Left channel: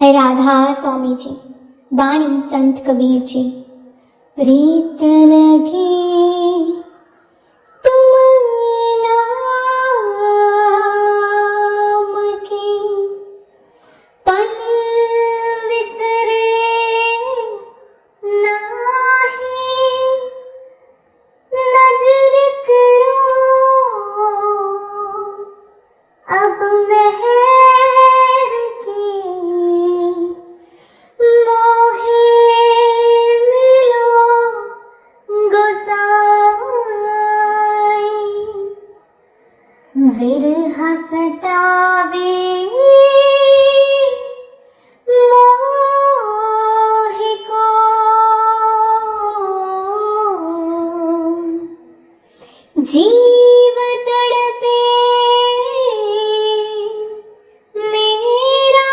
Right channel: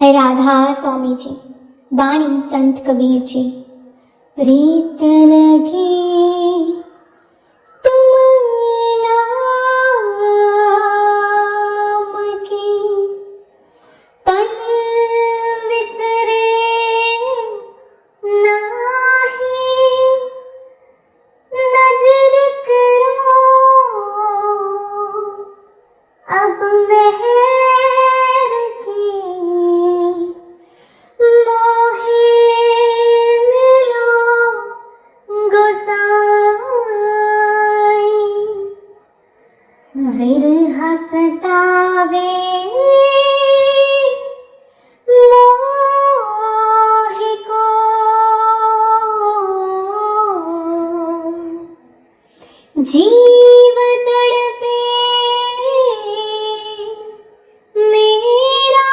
राधा स्वामी जी, बाणी संत कबीर जी। प्रीत लगी तुम नाम की, पल विसरे नाही, नजर करो अब मेहर की, मोहे मिलो गोसाई। विरह सतावे मोहि को, जीव तड़पे मेरा,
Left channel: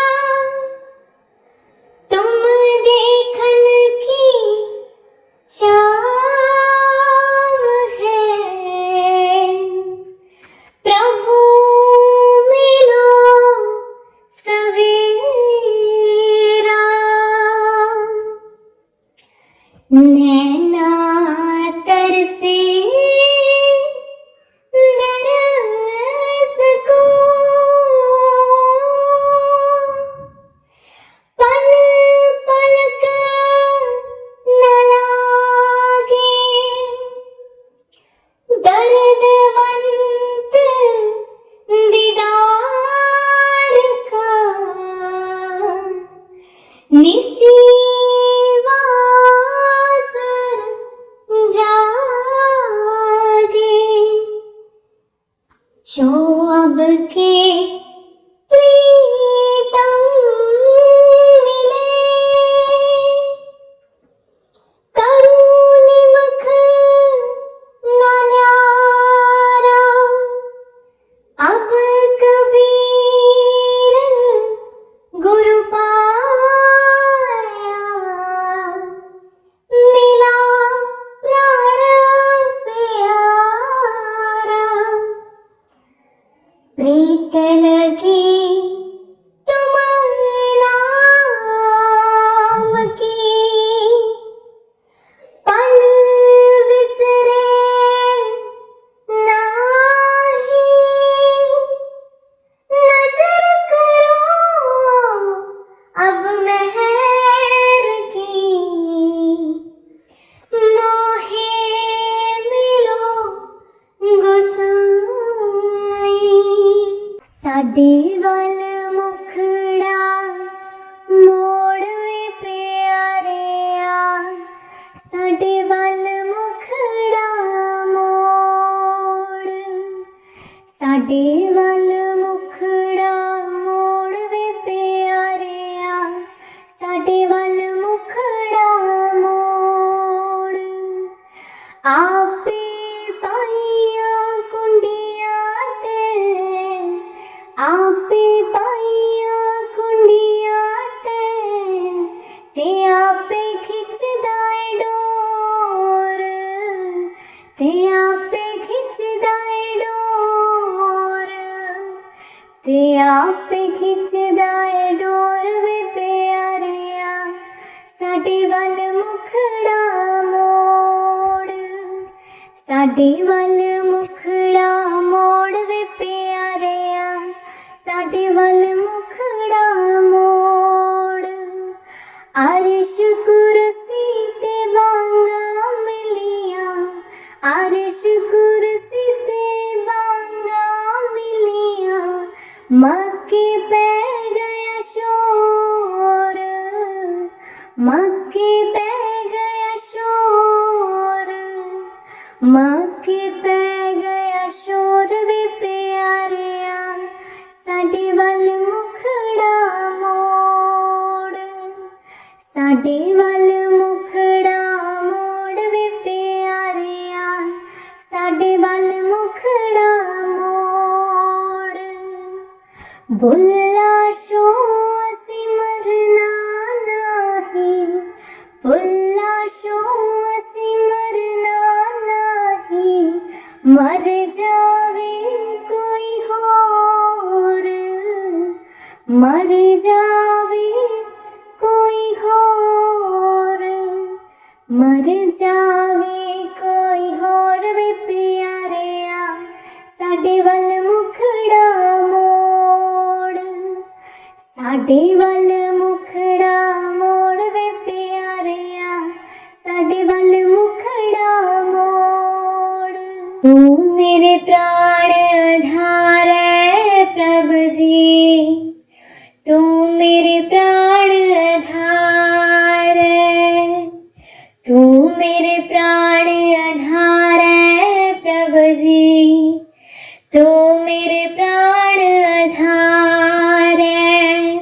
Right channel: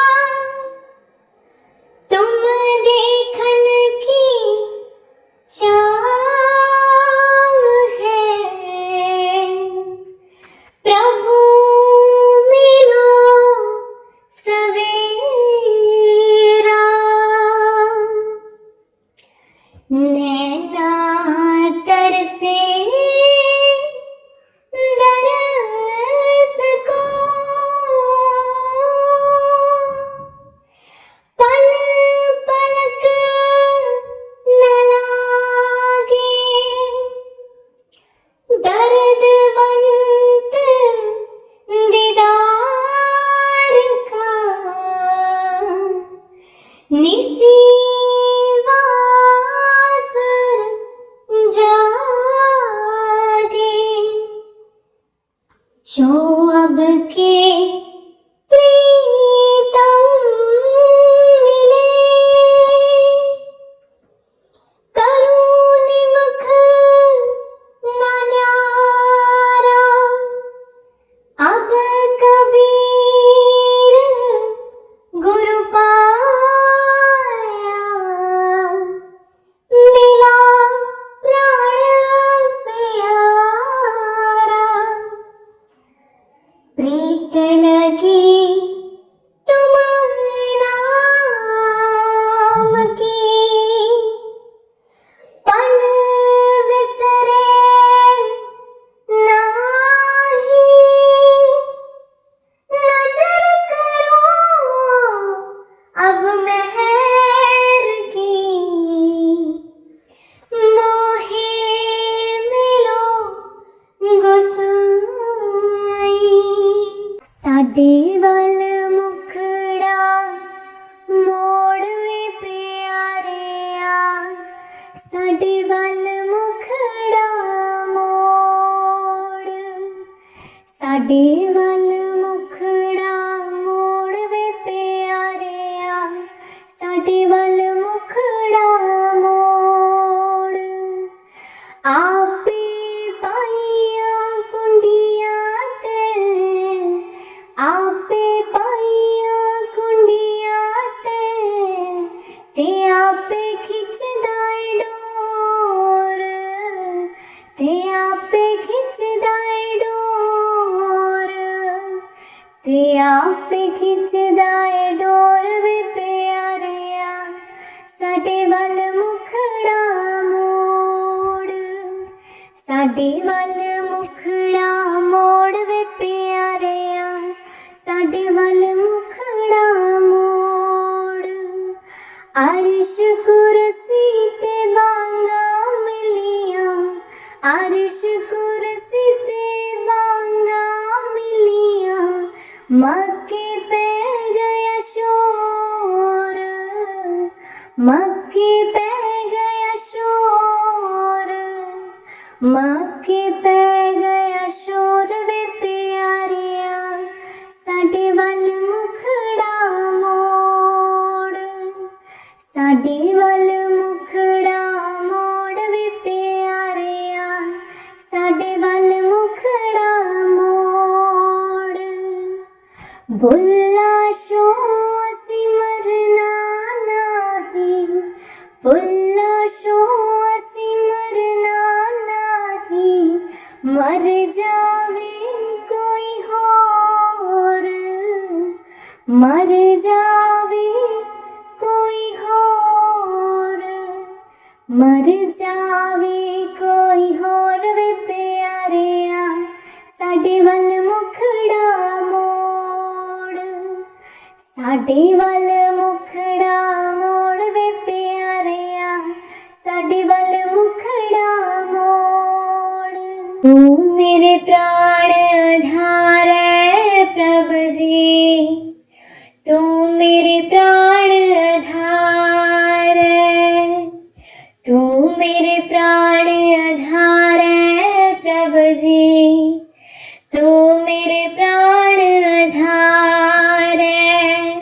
तुम देखन की चाह है। प्रभु मिलो सवेरा, नैना तरसे दरस को, पल पलक न लागे, दर्दवंत दीदार का, निसीवासर जागे। जो अब के प्रीतम मिले, करूं निमख न न्यारा, अब कबीर गुरु पाया, मिला प्राण प्यारा। प्रीत लगी तुम नाम की, पल विसरे नाही, नजर करो अब मेहर की, मोहे मिलो गोसाई। साडे वल मुखड़ा मोड़ वे प्यारिया, साडे वल मुखड़ा मोड़, साडे वल मुखड़ा मोड़ वे प्यारिया, साडे वल मुखड़ा मोड़। आपे पाइया कुंडियां ते, आपे पाइया कुंडियां ते आपे खिचदा ए डोर, ते आपे खिचदा ए डोर, ते आपे खिचदा ए डोर वे प्यारिया, साडे वल मुखड़ा मोड़, साडे वल मुखड़ा मोड़ वे प्यारिया, साडे वल मुखड़ा मोड़। अर्श कुर्सी ते बांगा मिलिया, अर्श कुर्सी ते बांगा मिलिया, मक्के पै गया शोर, मक्के पै गया शोर, मक्के पै गया शोर वे प्यारिया, साडे वल मुखड़ा मोड़, साडे वल मुखड़ा मोड़ वे प्यारिया, साडे वल मुखड़ा मोड़। बुल्ला शो सिमरना नाही, बुल्ला शो सिमरना नाही, मर जावे कोई होर, मर जावे मर जावे कोई होर वे प्यारिया साडे वल मुखड़ा मोड़, साडे वल मुखड़ा मोड़ वे प्यारिया साडे वल मुखड़ा मोड़। तू मेरे प्राण आधार है प्रभु जी, तू मेरे प्राण आधार है, तू मेरे प्राण आधार है प्रभु जी, तू मेरे प्राण आधार है।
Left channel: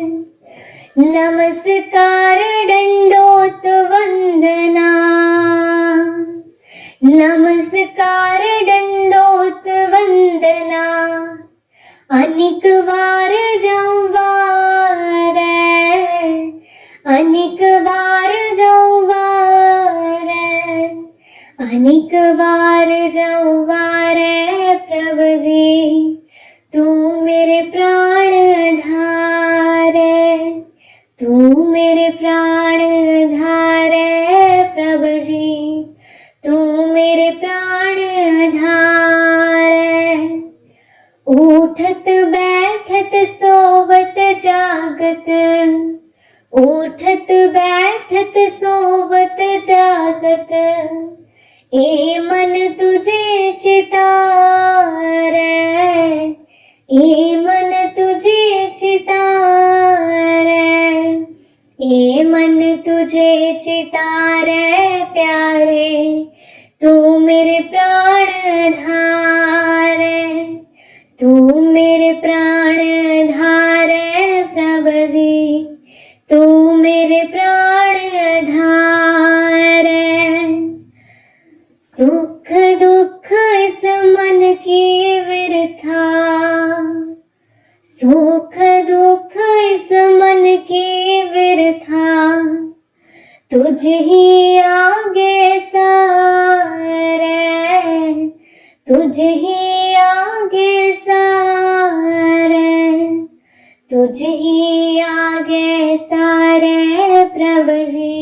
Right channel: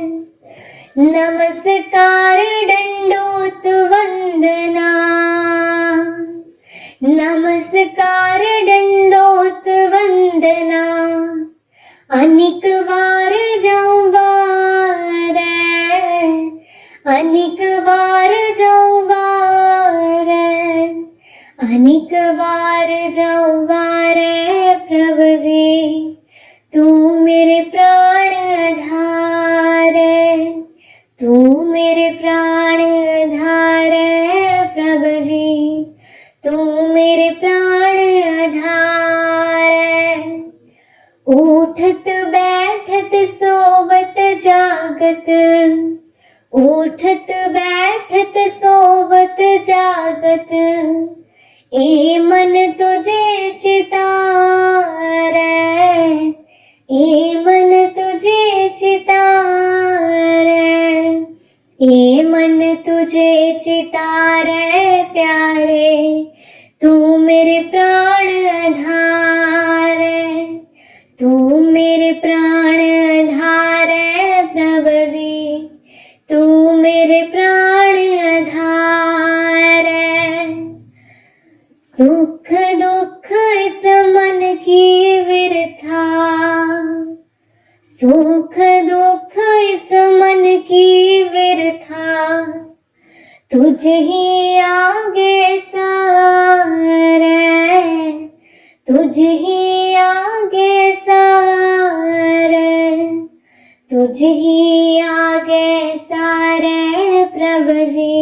नमस्कार दंडोत वंदना, नमस्कार दंडोत वंदना, अनेक वार जाऊं वार, अनेक वार जाऊं वार, अनेक बार जाऊं वार प्रभु जी, तू मेरे प्राण आधार है, तू मेरे प्राण आधार है प्रभु जी, तू मेरे प्राण आधार है। उठत बैठत सोवत जागत, उठत बैठत सोवत जागत, ए मन तुझे चितार, ए मन तुझे चितार, ए मन तुझे चितार प्यारे, तू मेरे प्राण आधार, तू मेरे प्राण आधार प्रभु जी, तू मेरे प्राण आधार। सुख दुख इस मन की विरथा, सुख दुख इस मन की विरथा, तुझ ही आगे सारे, तुझ ही आगे सारे, तुझ ही आगे सारे प्रभु जी,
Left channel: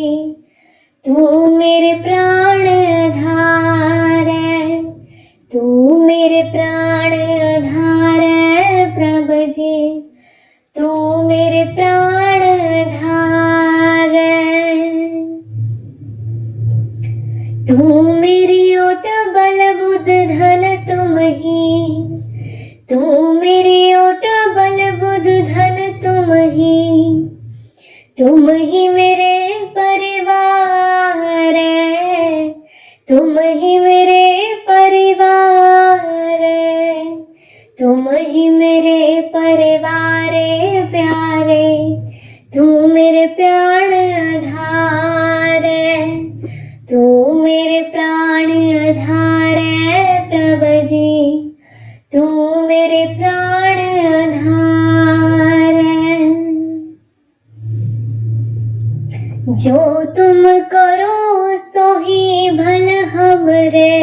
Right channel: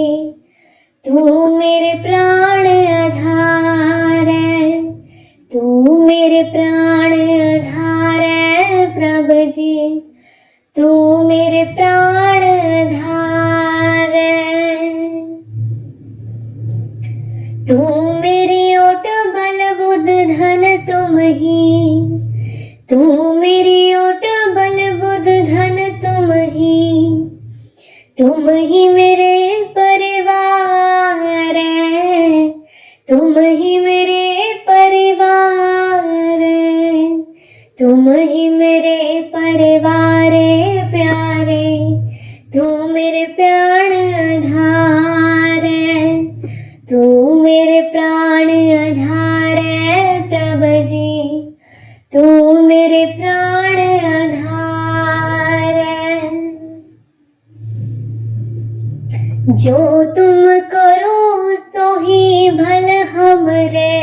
तू मेरे प्राण आधार है, तू मेरे प्राण आधार है प्रभु जी, तू मेरे प्राण आधार है। तू मेरी ओट बल बुध धन तुम ही, तू मेरी ओट बल बुध धन तुम ही मेरे परिवार, तुम ही मेरे परिवार, तुम ही मेरे परिवार प्यारे, तू मेरे प्राण आधार, तू मेरे प्राण आधार प्रभु जी, तू मेरे प्राण आधार। जो तुम करो सो ही भल हमरे,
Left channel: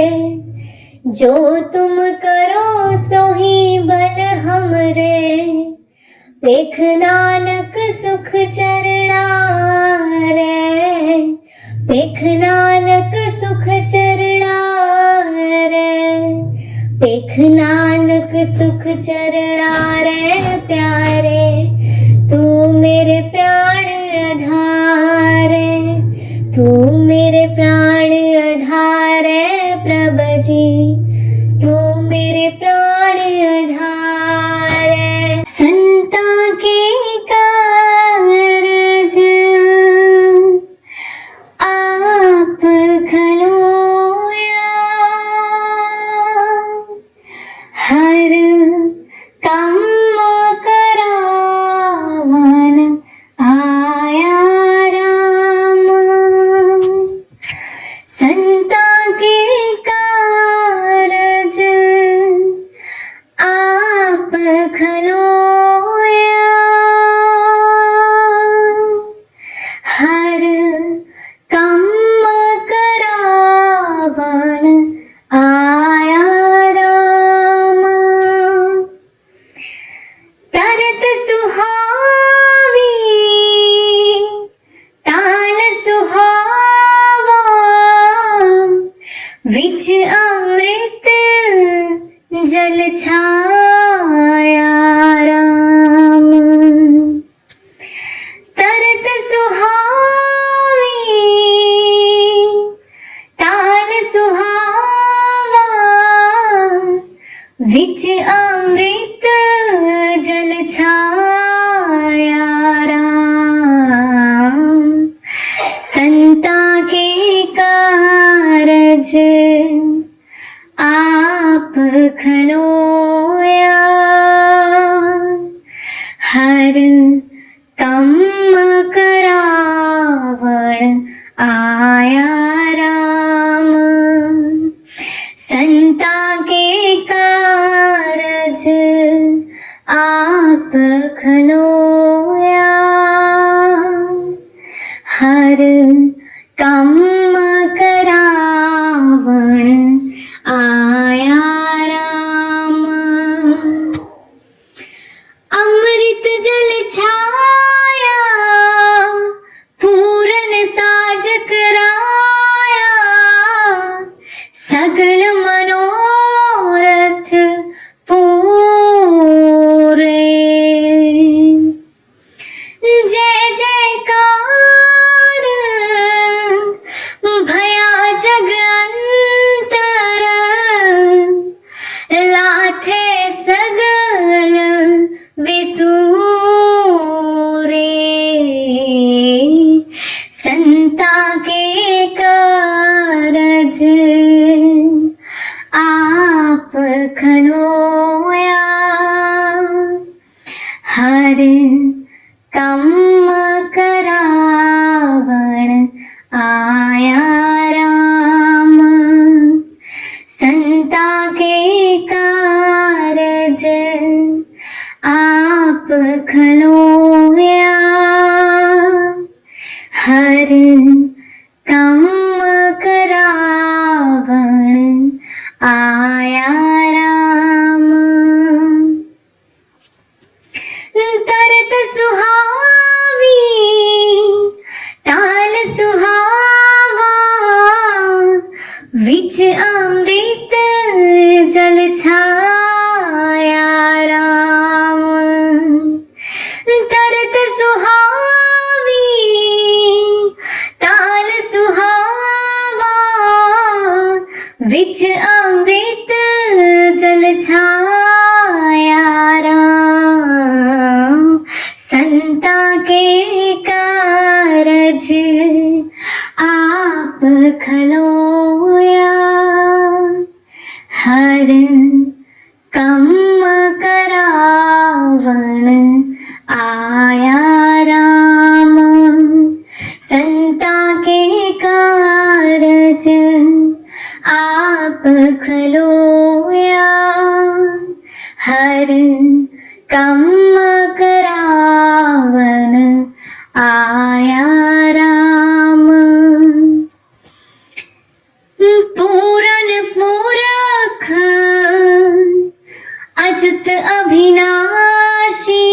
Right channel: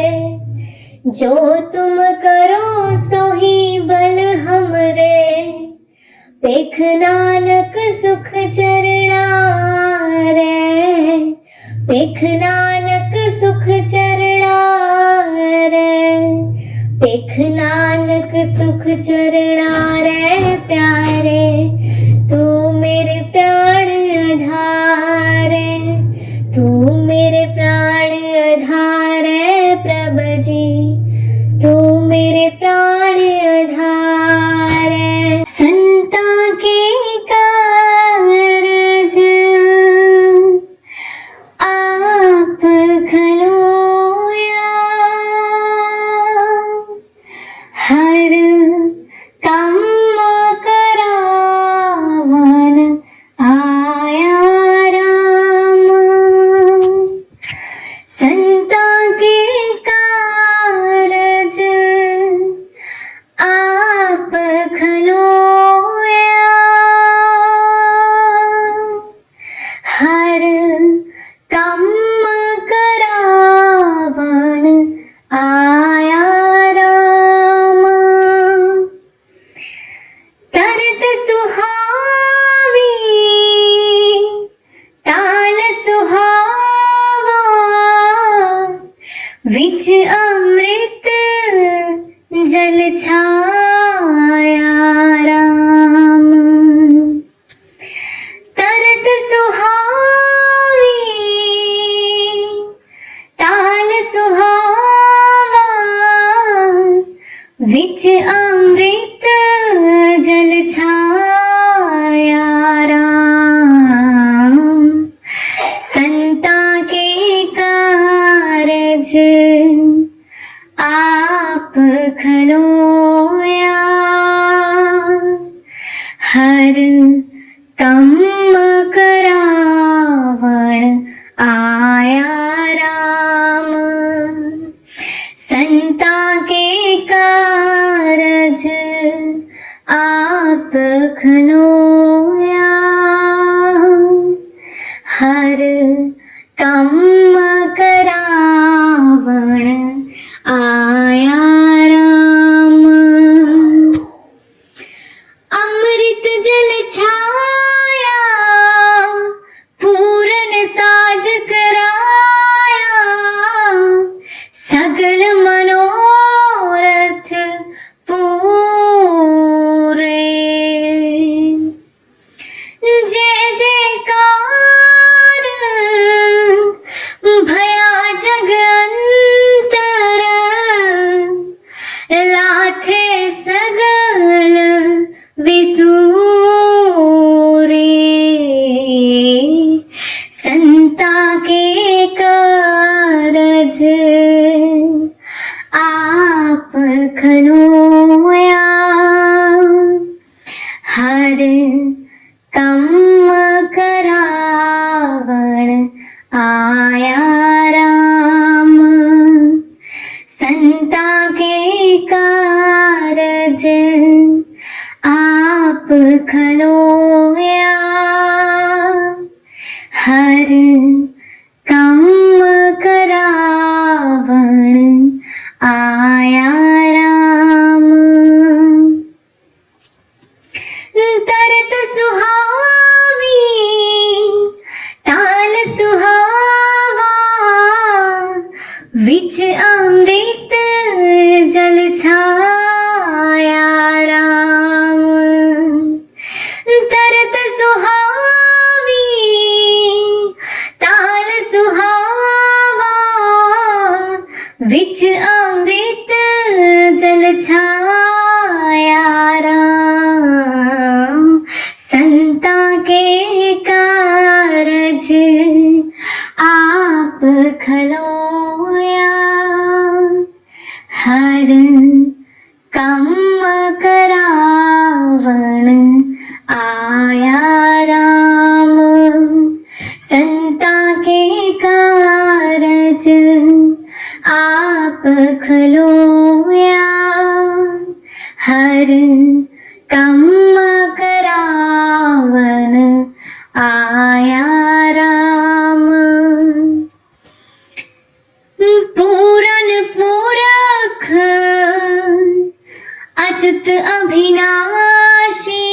जो तुम करो सो ही भल हमरे, पेख नानक सुख चरणा रे, पेख नानक सुख चरणा रे, पेख नानक सुख चरणा रे प्यारे, तू मेरे प्राण आधार, तू मेरे प्राण आधार प्रभु जी, तू मेरे प्राण आधार। संता के कारज आप खलोया, हर काम करावन आया राम। संता के कारज आप खलोया, हर काम करावन आया राम। तरत सुहावी ताल सुहावा, कम करावण आया राम। अमृत जल छाया पूरन साज कराया, सगल मनोरथ पूरे। जय जयकार भया जग अंतर, लाथे सगल विसूरे। संता के कारज आप खलोया, हर कम करावण आया राम। संता के कारज आप खलोया, हर कम करावण आया राम। तरत सुहावी ताल सुहावा, विच अमृत जल छाया राम। तरत सुहावी ताल सुहावा, विच अमृत जल छाया राम। संता के कारज आप खलोया, हर कम करावण आया राम। संता के कारज आप खलोया, हर कम करावण आया राम। पूरन पुरख अच्युत अभिनाशी,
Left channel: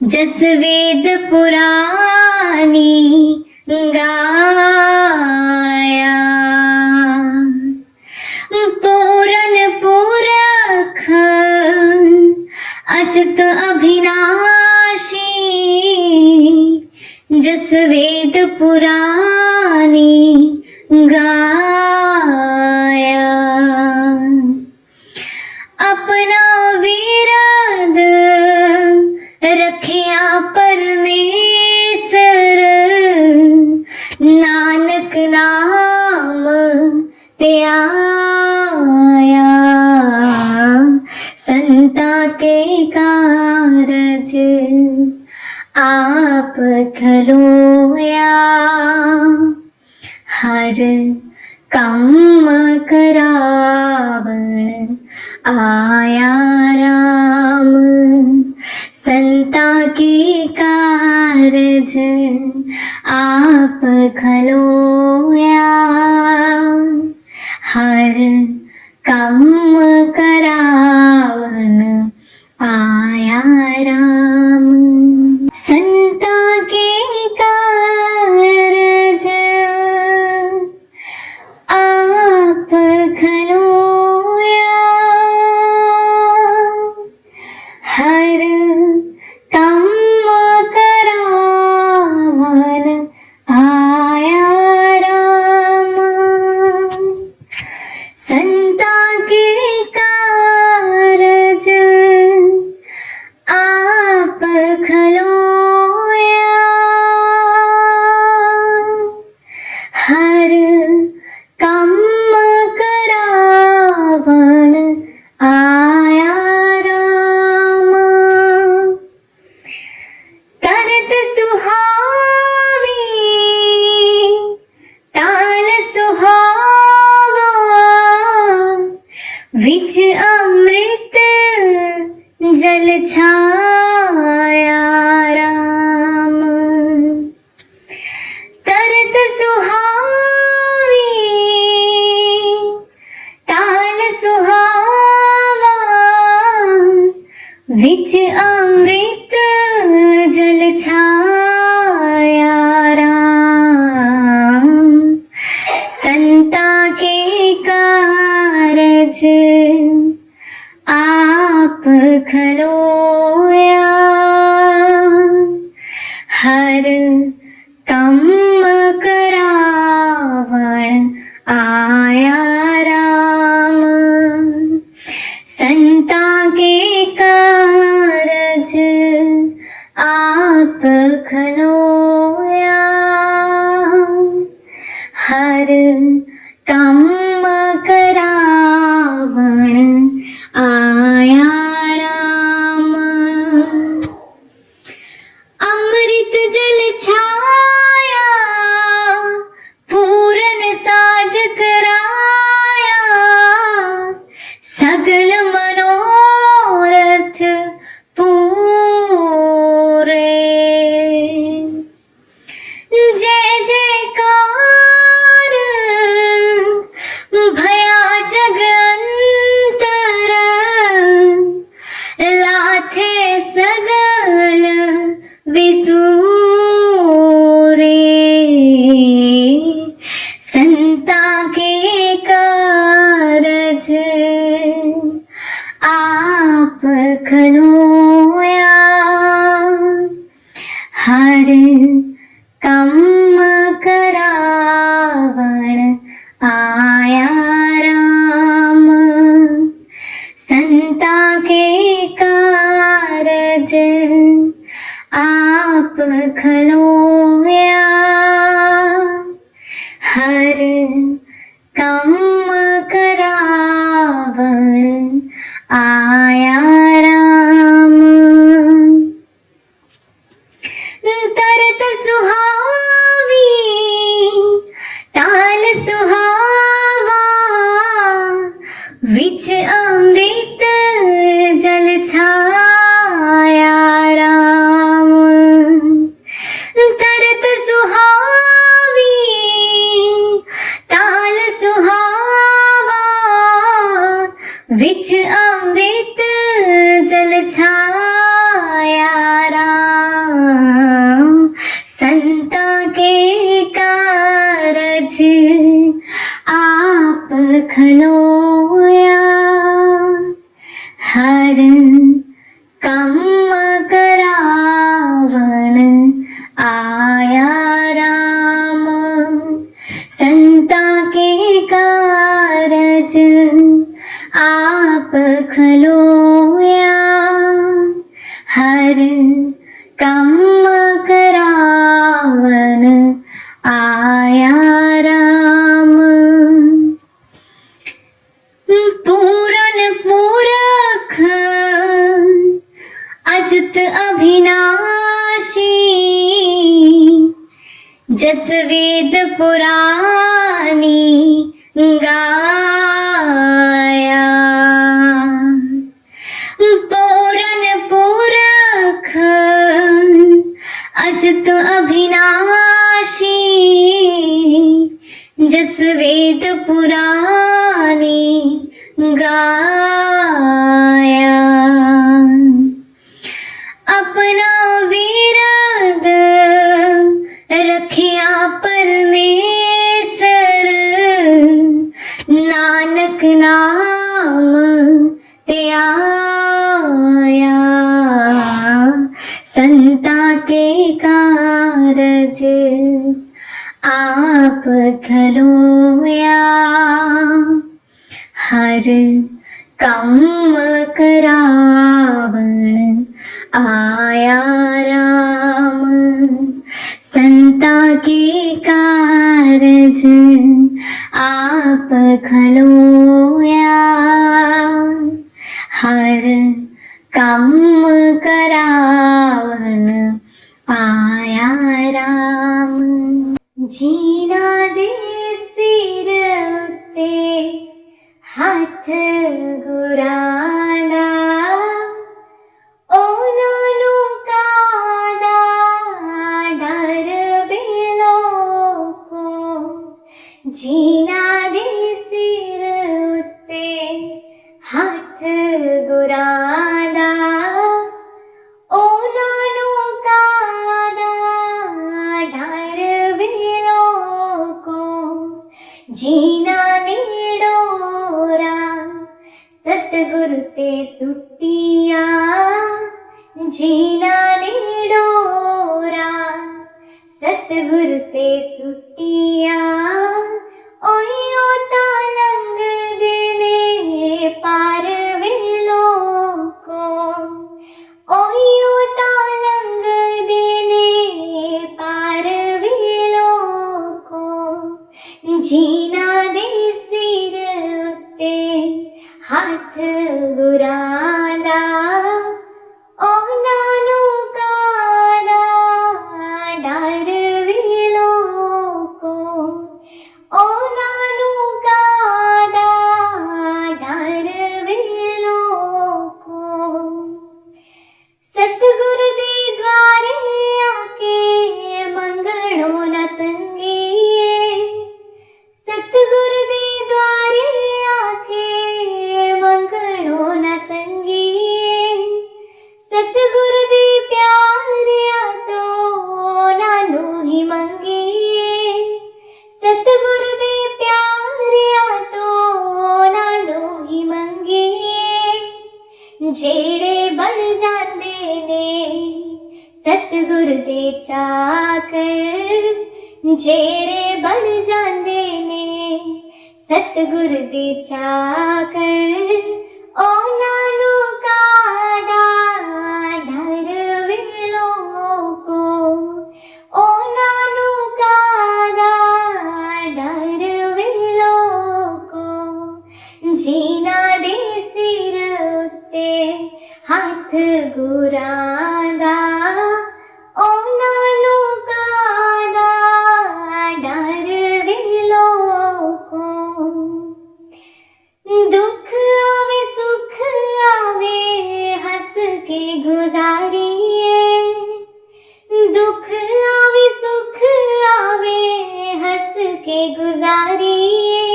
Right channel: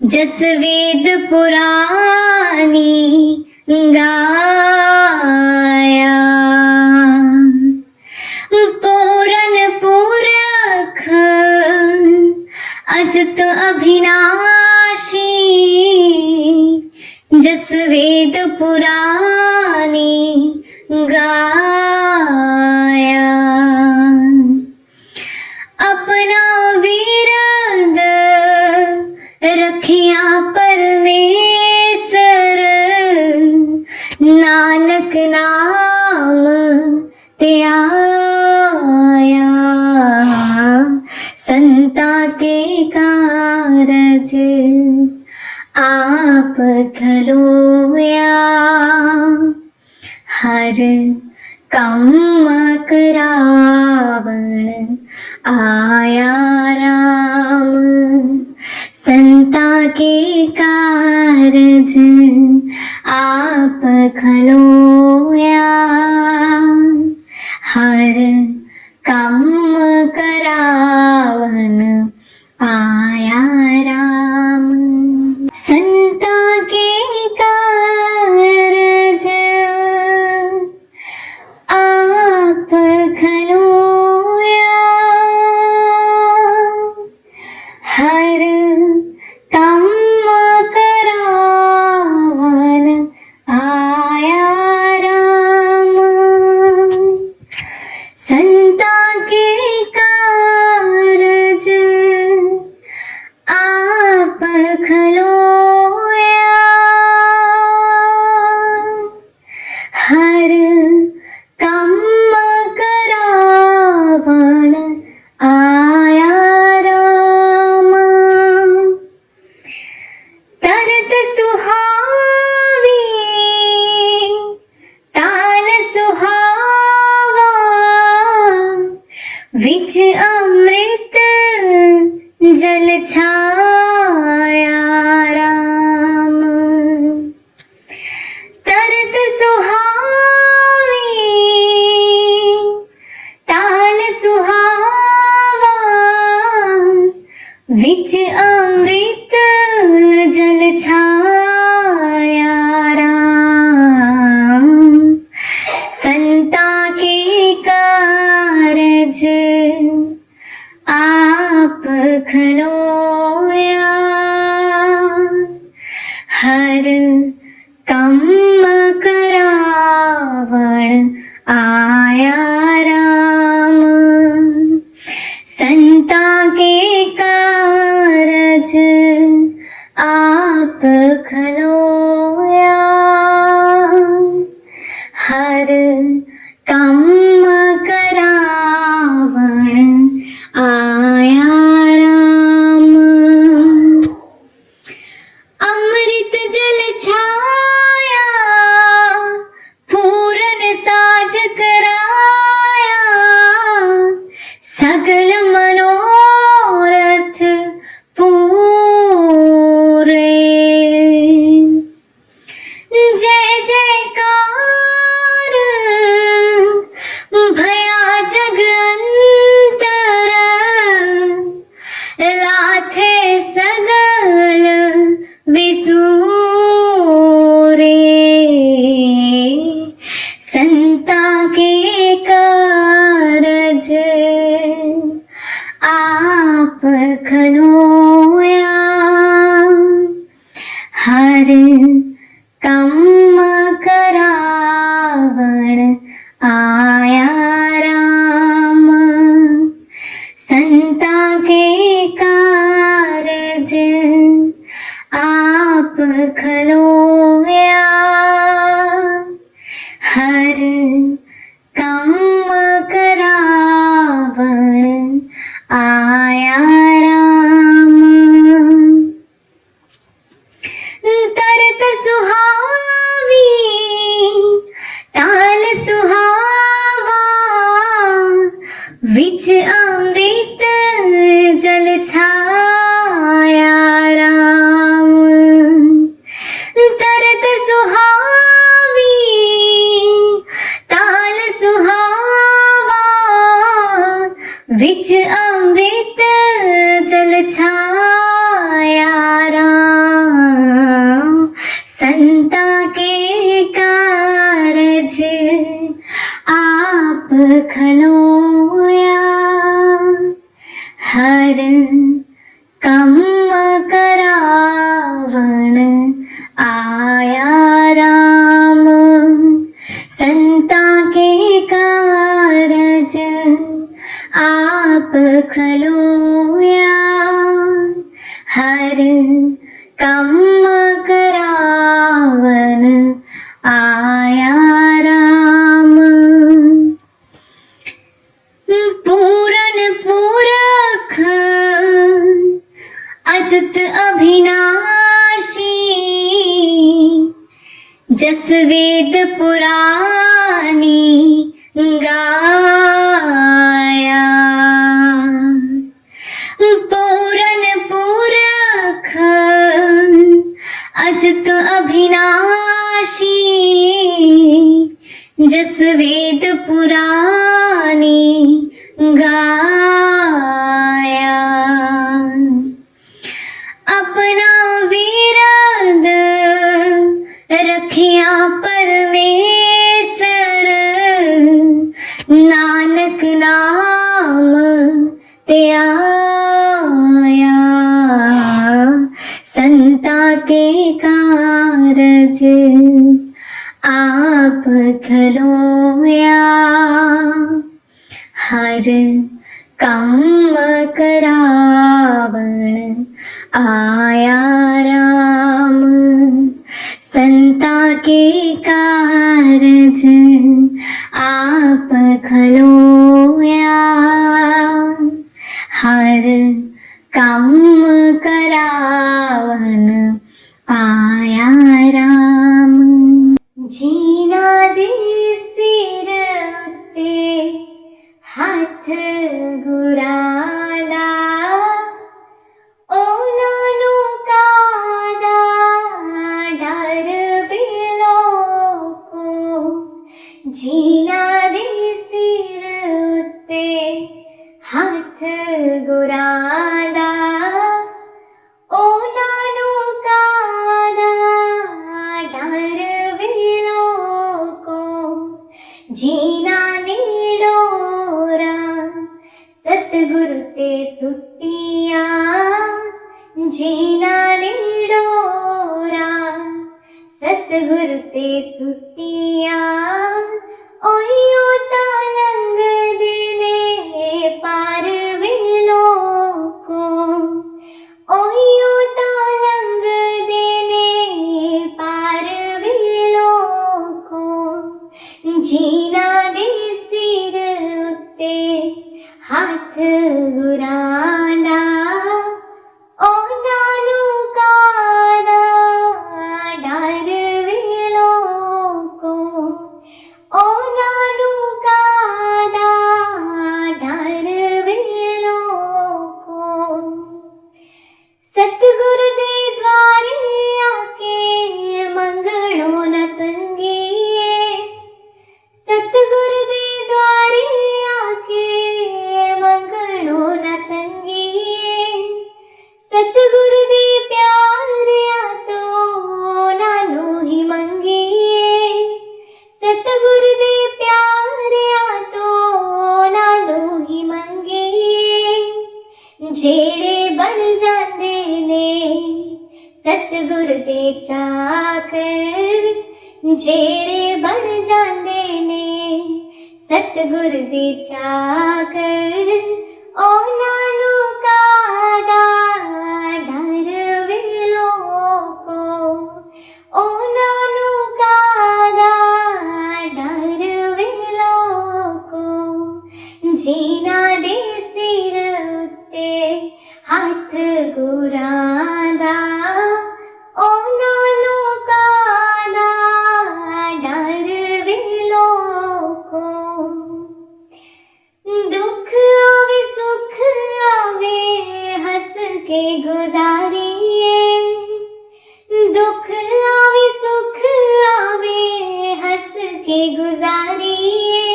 जस वेद पुरानी गाया। पूरन पुरख अच्युत अभिनाशी, जस वेद पुरानी गाया। अपना विरद रखिया परमेसर, नानक नाम ते आया। संता के कारज आप खलोया, हर कम करावण आया राम। संता के कारज आप खलोया, हर कम करावण आया राम। संता के कारज आप खलोया, हर कम करावण आया राम। संता के कारज आप खलोया, कारज आप खलोया, हर कम करावण आया राम। संता के कारज आप खलोया, हर कम करावण आया राम। अमृत जल छाया, पूरन साज कराया, सकल मनोरथ पूरे। जय जयकार भया जगंतर, लाथे सगल विसूरे। संता के कारज आप खलोया, हर कम करावण आया राम। संता के कारज आप खलोया, हर कम करावण आया राम। तरत सुहावी ताल सुहावा, विच अमृत जल छाया राम। तरत सुहावी ताल सुहावा, विच अमृत जल छाया राम। संता के कारज आप खलोया, हर कम करावण आया राम। संता के कारज आप खलोया, हर कम करावण आया राम। पूरन पुरख अच्युत अभिनाशी, जस वेद पुरानी गाया। पूरन पुरख अच्युत अभिनाशी, जस वेद पुरानी गाया। अपना विरद रखिया परमेसर, नानक नाम ते आया। संता के कारज आप खलोया, हर कम करावण आया राम। संता के कारज आप खलोया, हर कम करावण आया राम। जीना दे सिर उत्ते हाथ गुरादा, ओ नानू कादा डर बेलो को। जीना दे सिर उत्ते हाथ गुरादा, ओ नानू कादा डर बेलो को। जीना नेड़ोरा सतगुर ते सुटिया ओहियो तालंग देने पार वेलो को ओहियो तालंग देने पार वेलो को जीना दे सिर उत्ते हाथ गुरांदा ओ नानू काना डर वेलो को ओ नानू काना डर वेलो को सतगुर दे द्वारे आके मंगणो न संगिए सतगुर दे द्वारे आके मंगणो न संगिए सतगुर दे प्यारिया तो नानू ही मंगिए सतगुर दे प्यारिया तो नानू ही मंगिए जेड़े बन जांदे ने सतगुर दे चाकर जेड़े बन जांदे ने सतगुर दे चाकर ओ नानू कादा डर वेलो को ओ नानू कादा डर वेलो को जीना दे सिर उत्ते हाथ गुरांदा ओ नानू कादा डर वेलो को दुख आवे सुख आवे हंस के गुजारिए दुख आवे सुख आवे हंस के गुजारिए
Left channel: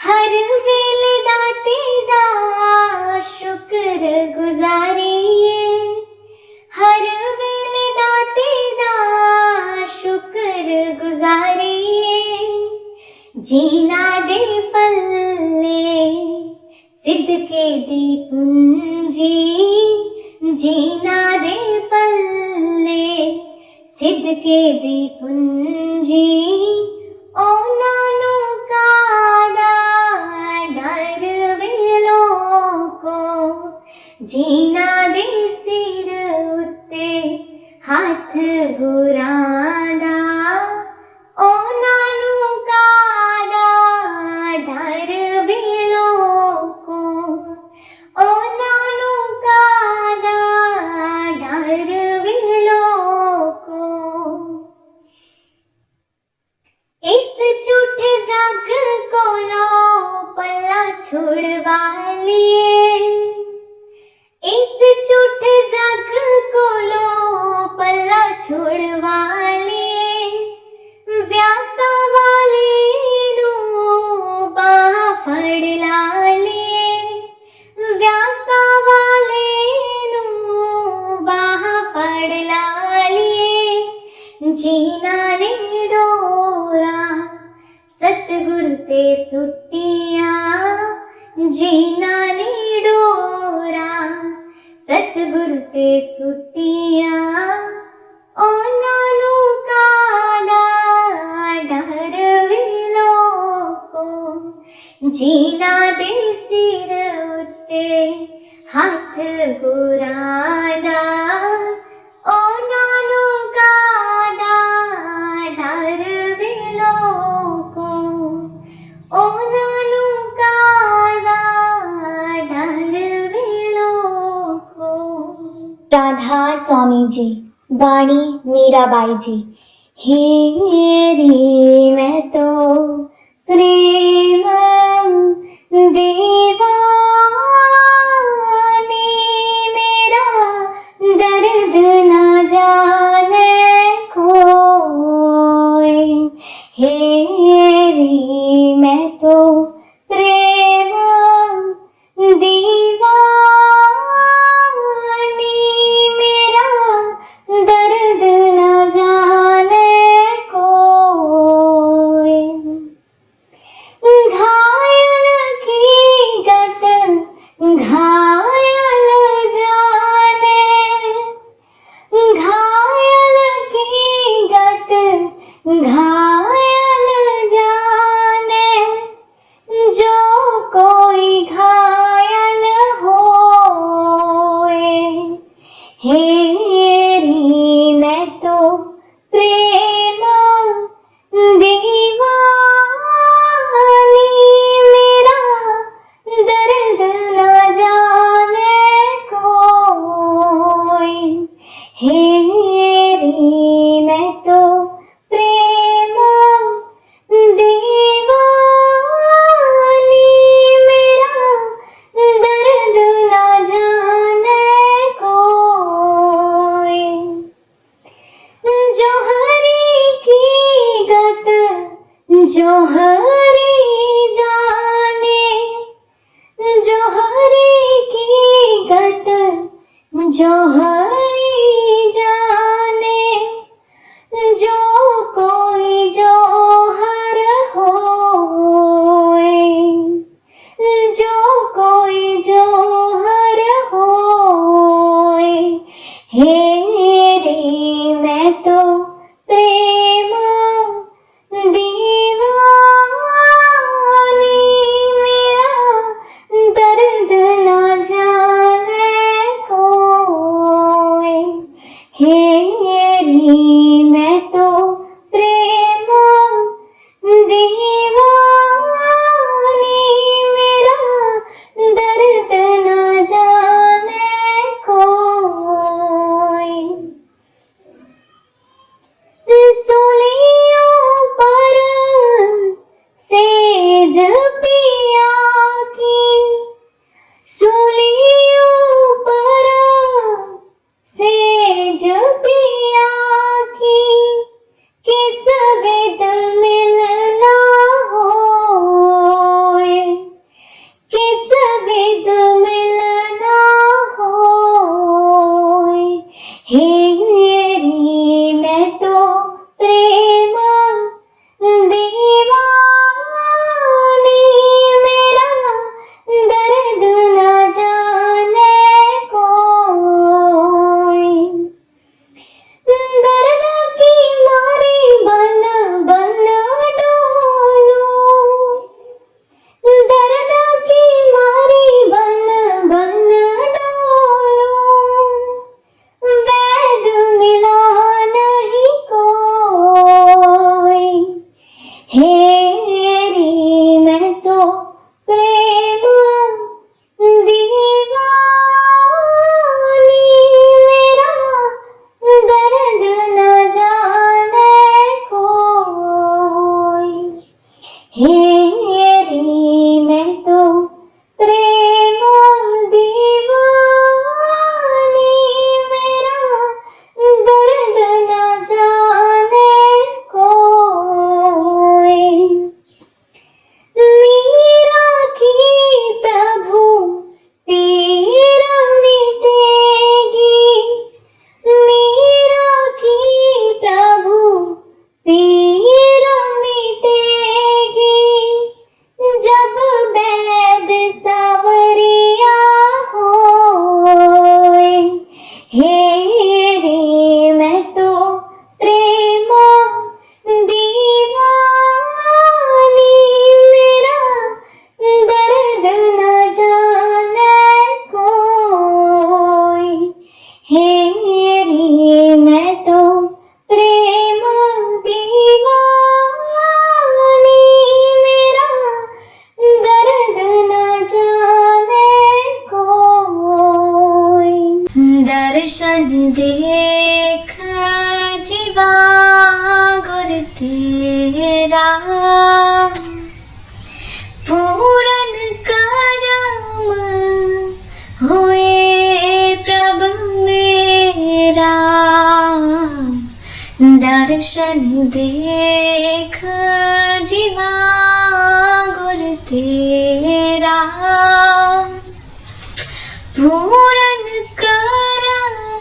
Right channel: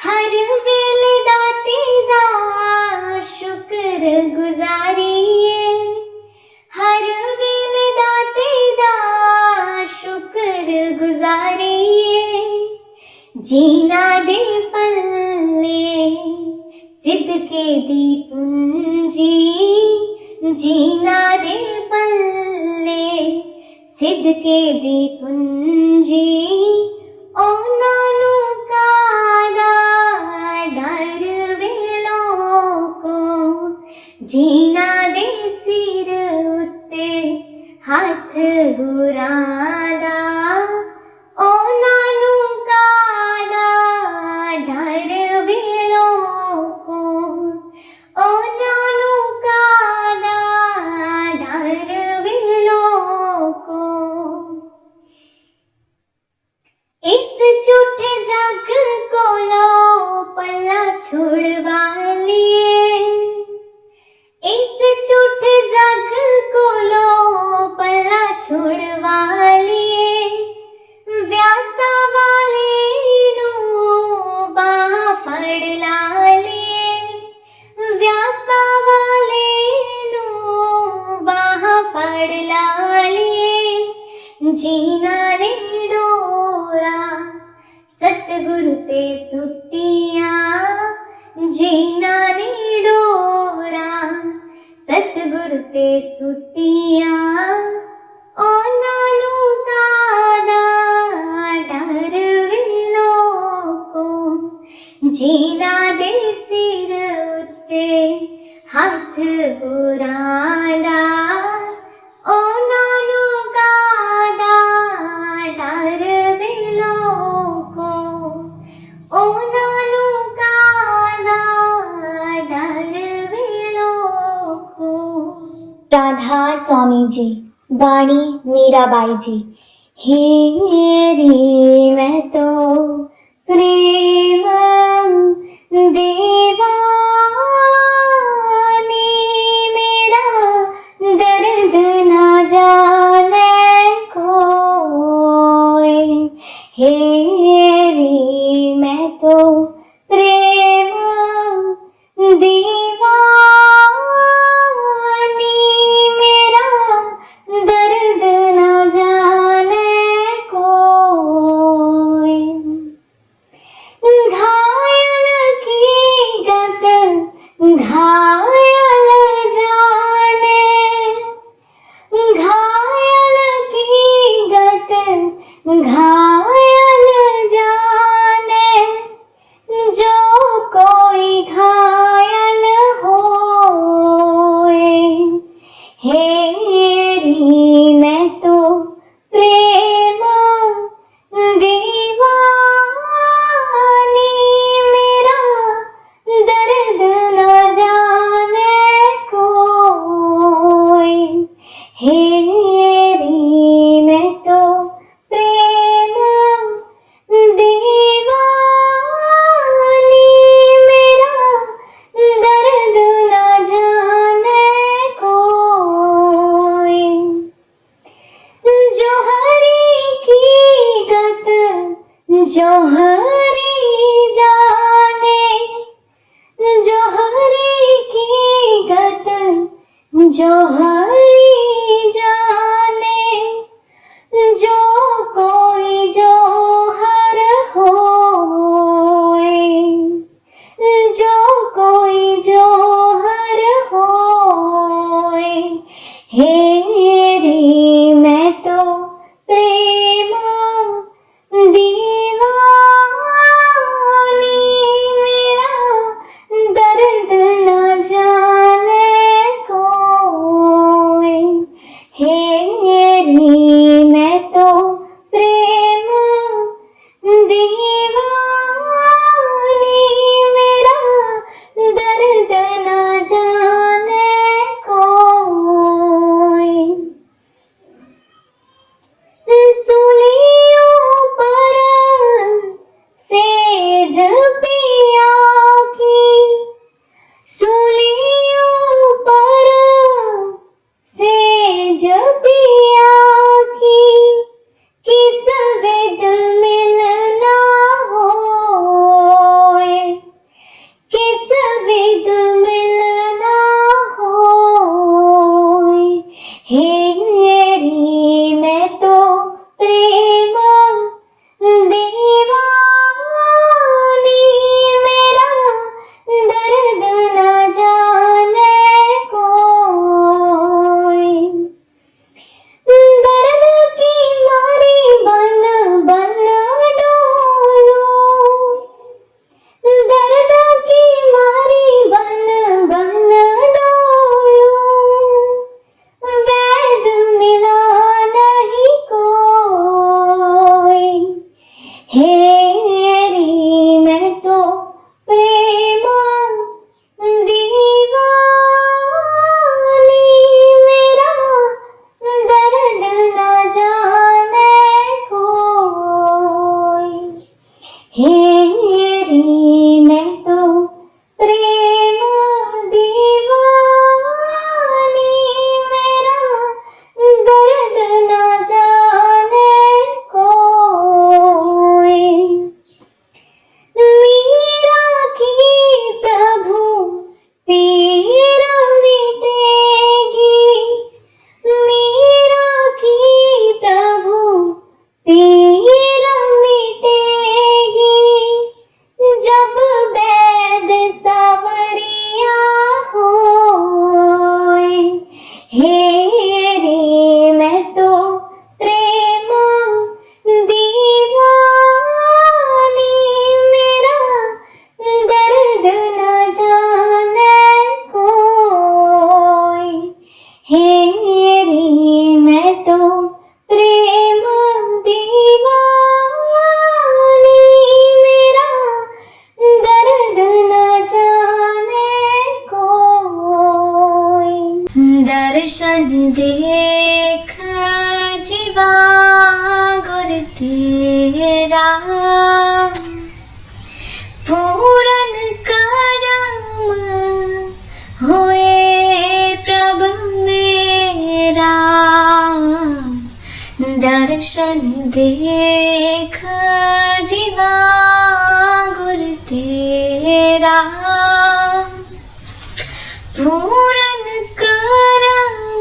हर वेले दाते दा शुक्र गुजारिए हर वेले दाते दा शुक्र गुजारिए जीना दे पल्ले सिदके दी पूंजी जीना दे पल्ले सिदके दी पूंजी ओ नानू कादा डर वेलो को जीना दे सिर उत्ते हाथ गुरांदा ओ नानू कादा डर वेलो को ओ नानू कादा डर वेलो को इस झूठे जग कोलो पल्ला छोड़वा लिए इस झूठे जग कोलो पल्ला छोड़वा लिए व्यासा वाली नू बाह फड़ ला लिए व्यासा वाले नू बाह फड़ ला लिए जीना ने डोरा सतगुर ते सुटिया जीना ने डोरा सतगुर ते सुटिया ओ नानू कादा डर वेलो को जीना दे सिर उत्ते हाथ गुरांदा ओ नानू कादा डर वेलो को ओ नानू कादा डर वेलो को। राधा स्वामी जी बाणी मीराबाई जी। हेरी मैं तो प्रेम दीवानी मेरा दर्द न जाने कोई हेरी मैं तो प्रेम दीवानी मेरा दर्द न जाने कोई घायल की गत घायल जाने जो कोई घायल होए, हेरी मैं तो प्रेम दीवानी, मेरा दर्द न जाने कोई, हेरी मैं तो प्रेम दीवानी, मेरा दर्द न जाने कोई। जोहरी की गत जोहरी जाने, जोहरी की गत जोहरी जाने, जो कोई जोहर होए, जो कोई जोहर होए, हेरी मैं तो प्रेम दीवानी, मेरा दर्द न जाने कोई, हेरी मैं तो प्रेम दीवानी, मेरा दर्द न जाने कोई। सूलियों पर सेज पिया की, सूलियों पर सेज पिया की, किस विध मिलना होए, किस विध मिलना होए, हेरी मैं तो प्रेम दीवानी, मेरा दर्द न जाने कोई। दर्द की मारी बन बन डोलूं, दर्द की मारी बन बन डोलूं, वैद मिला नहीं कोई, हेरी मैं तो प्रेम दीवानी, मेरा दर्द न जाने कोई, हेरी मैं तो प्रेम दीवानी, मेरा दर्द न जाने कोई। मीरा की प्रभु पीर मिटेगी, मीरा की प्रभु पीर मिटेगी, जब वैद सावरिया होए, हेरी मैं तो प्रेम दीवानी, मेरा दर्द न जाने कोई, हेरी मैं तो प्रेम दीवानी, मेरा दर्द न जाने कोई। दर्शन देख जीवा गुर तेरा, पूरन करम होए प्रभु मेरा। दर्शन देख जीवा गुर तेरा, पूरन करम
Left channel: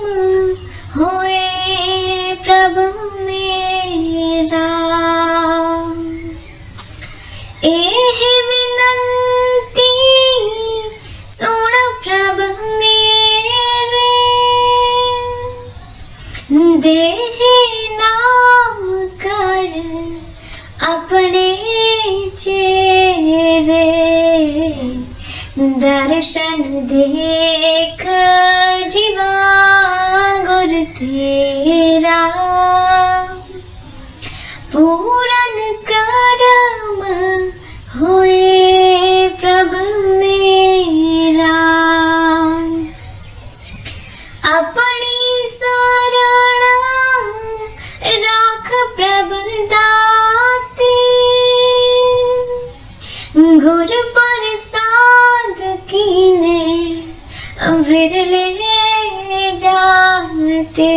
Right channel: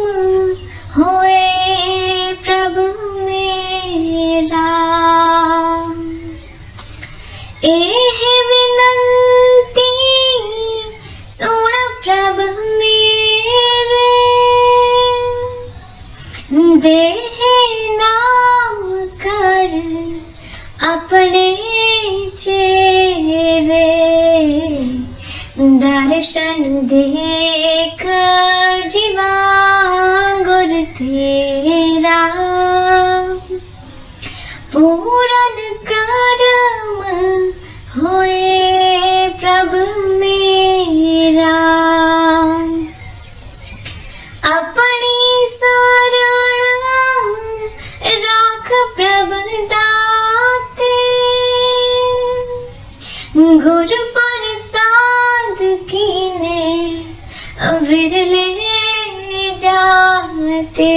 होए प्रभु मेरा। एह विनंती सुन प्रभु मेरे, देहि नाम कर राख प्रभ दाते, गुर प्रसाद कीने विरले जाते,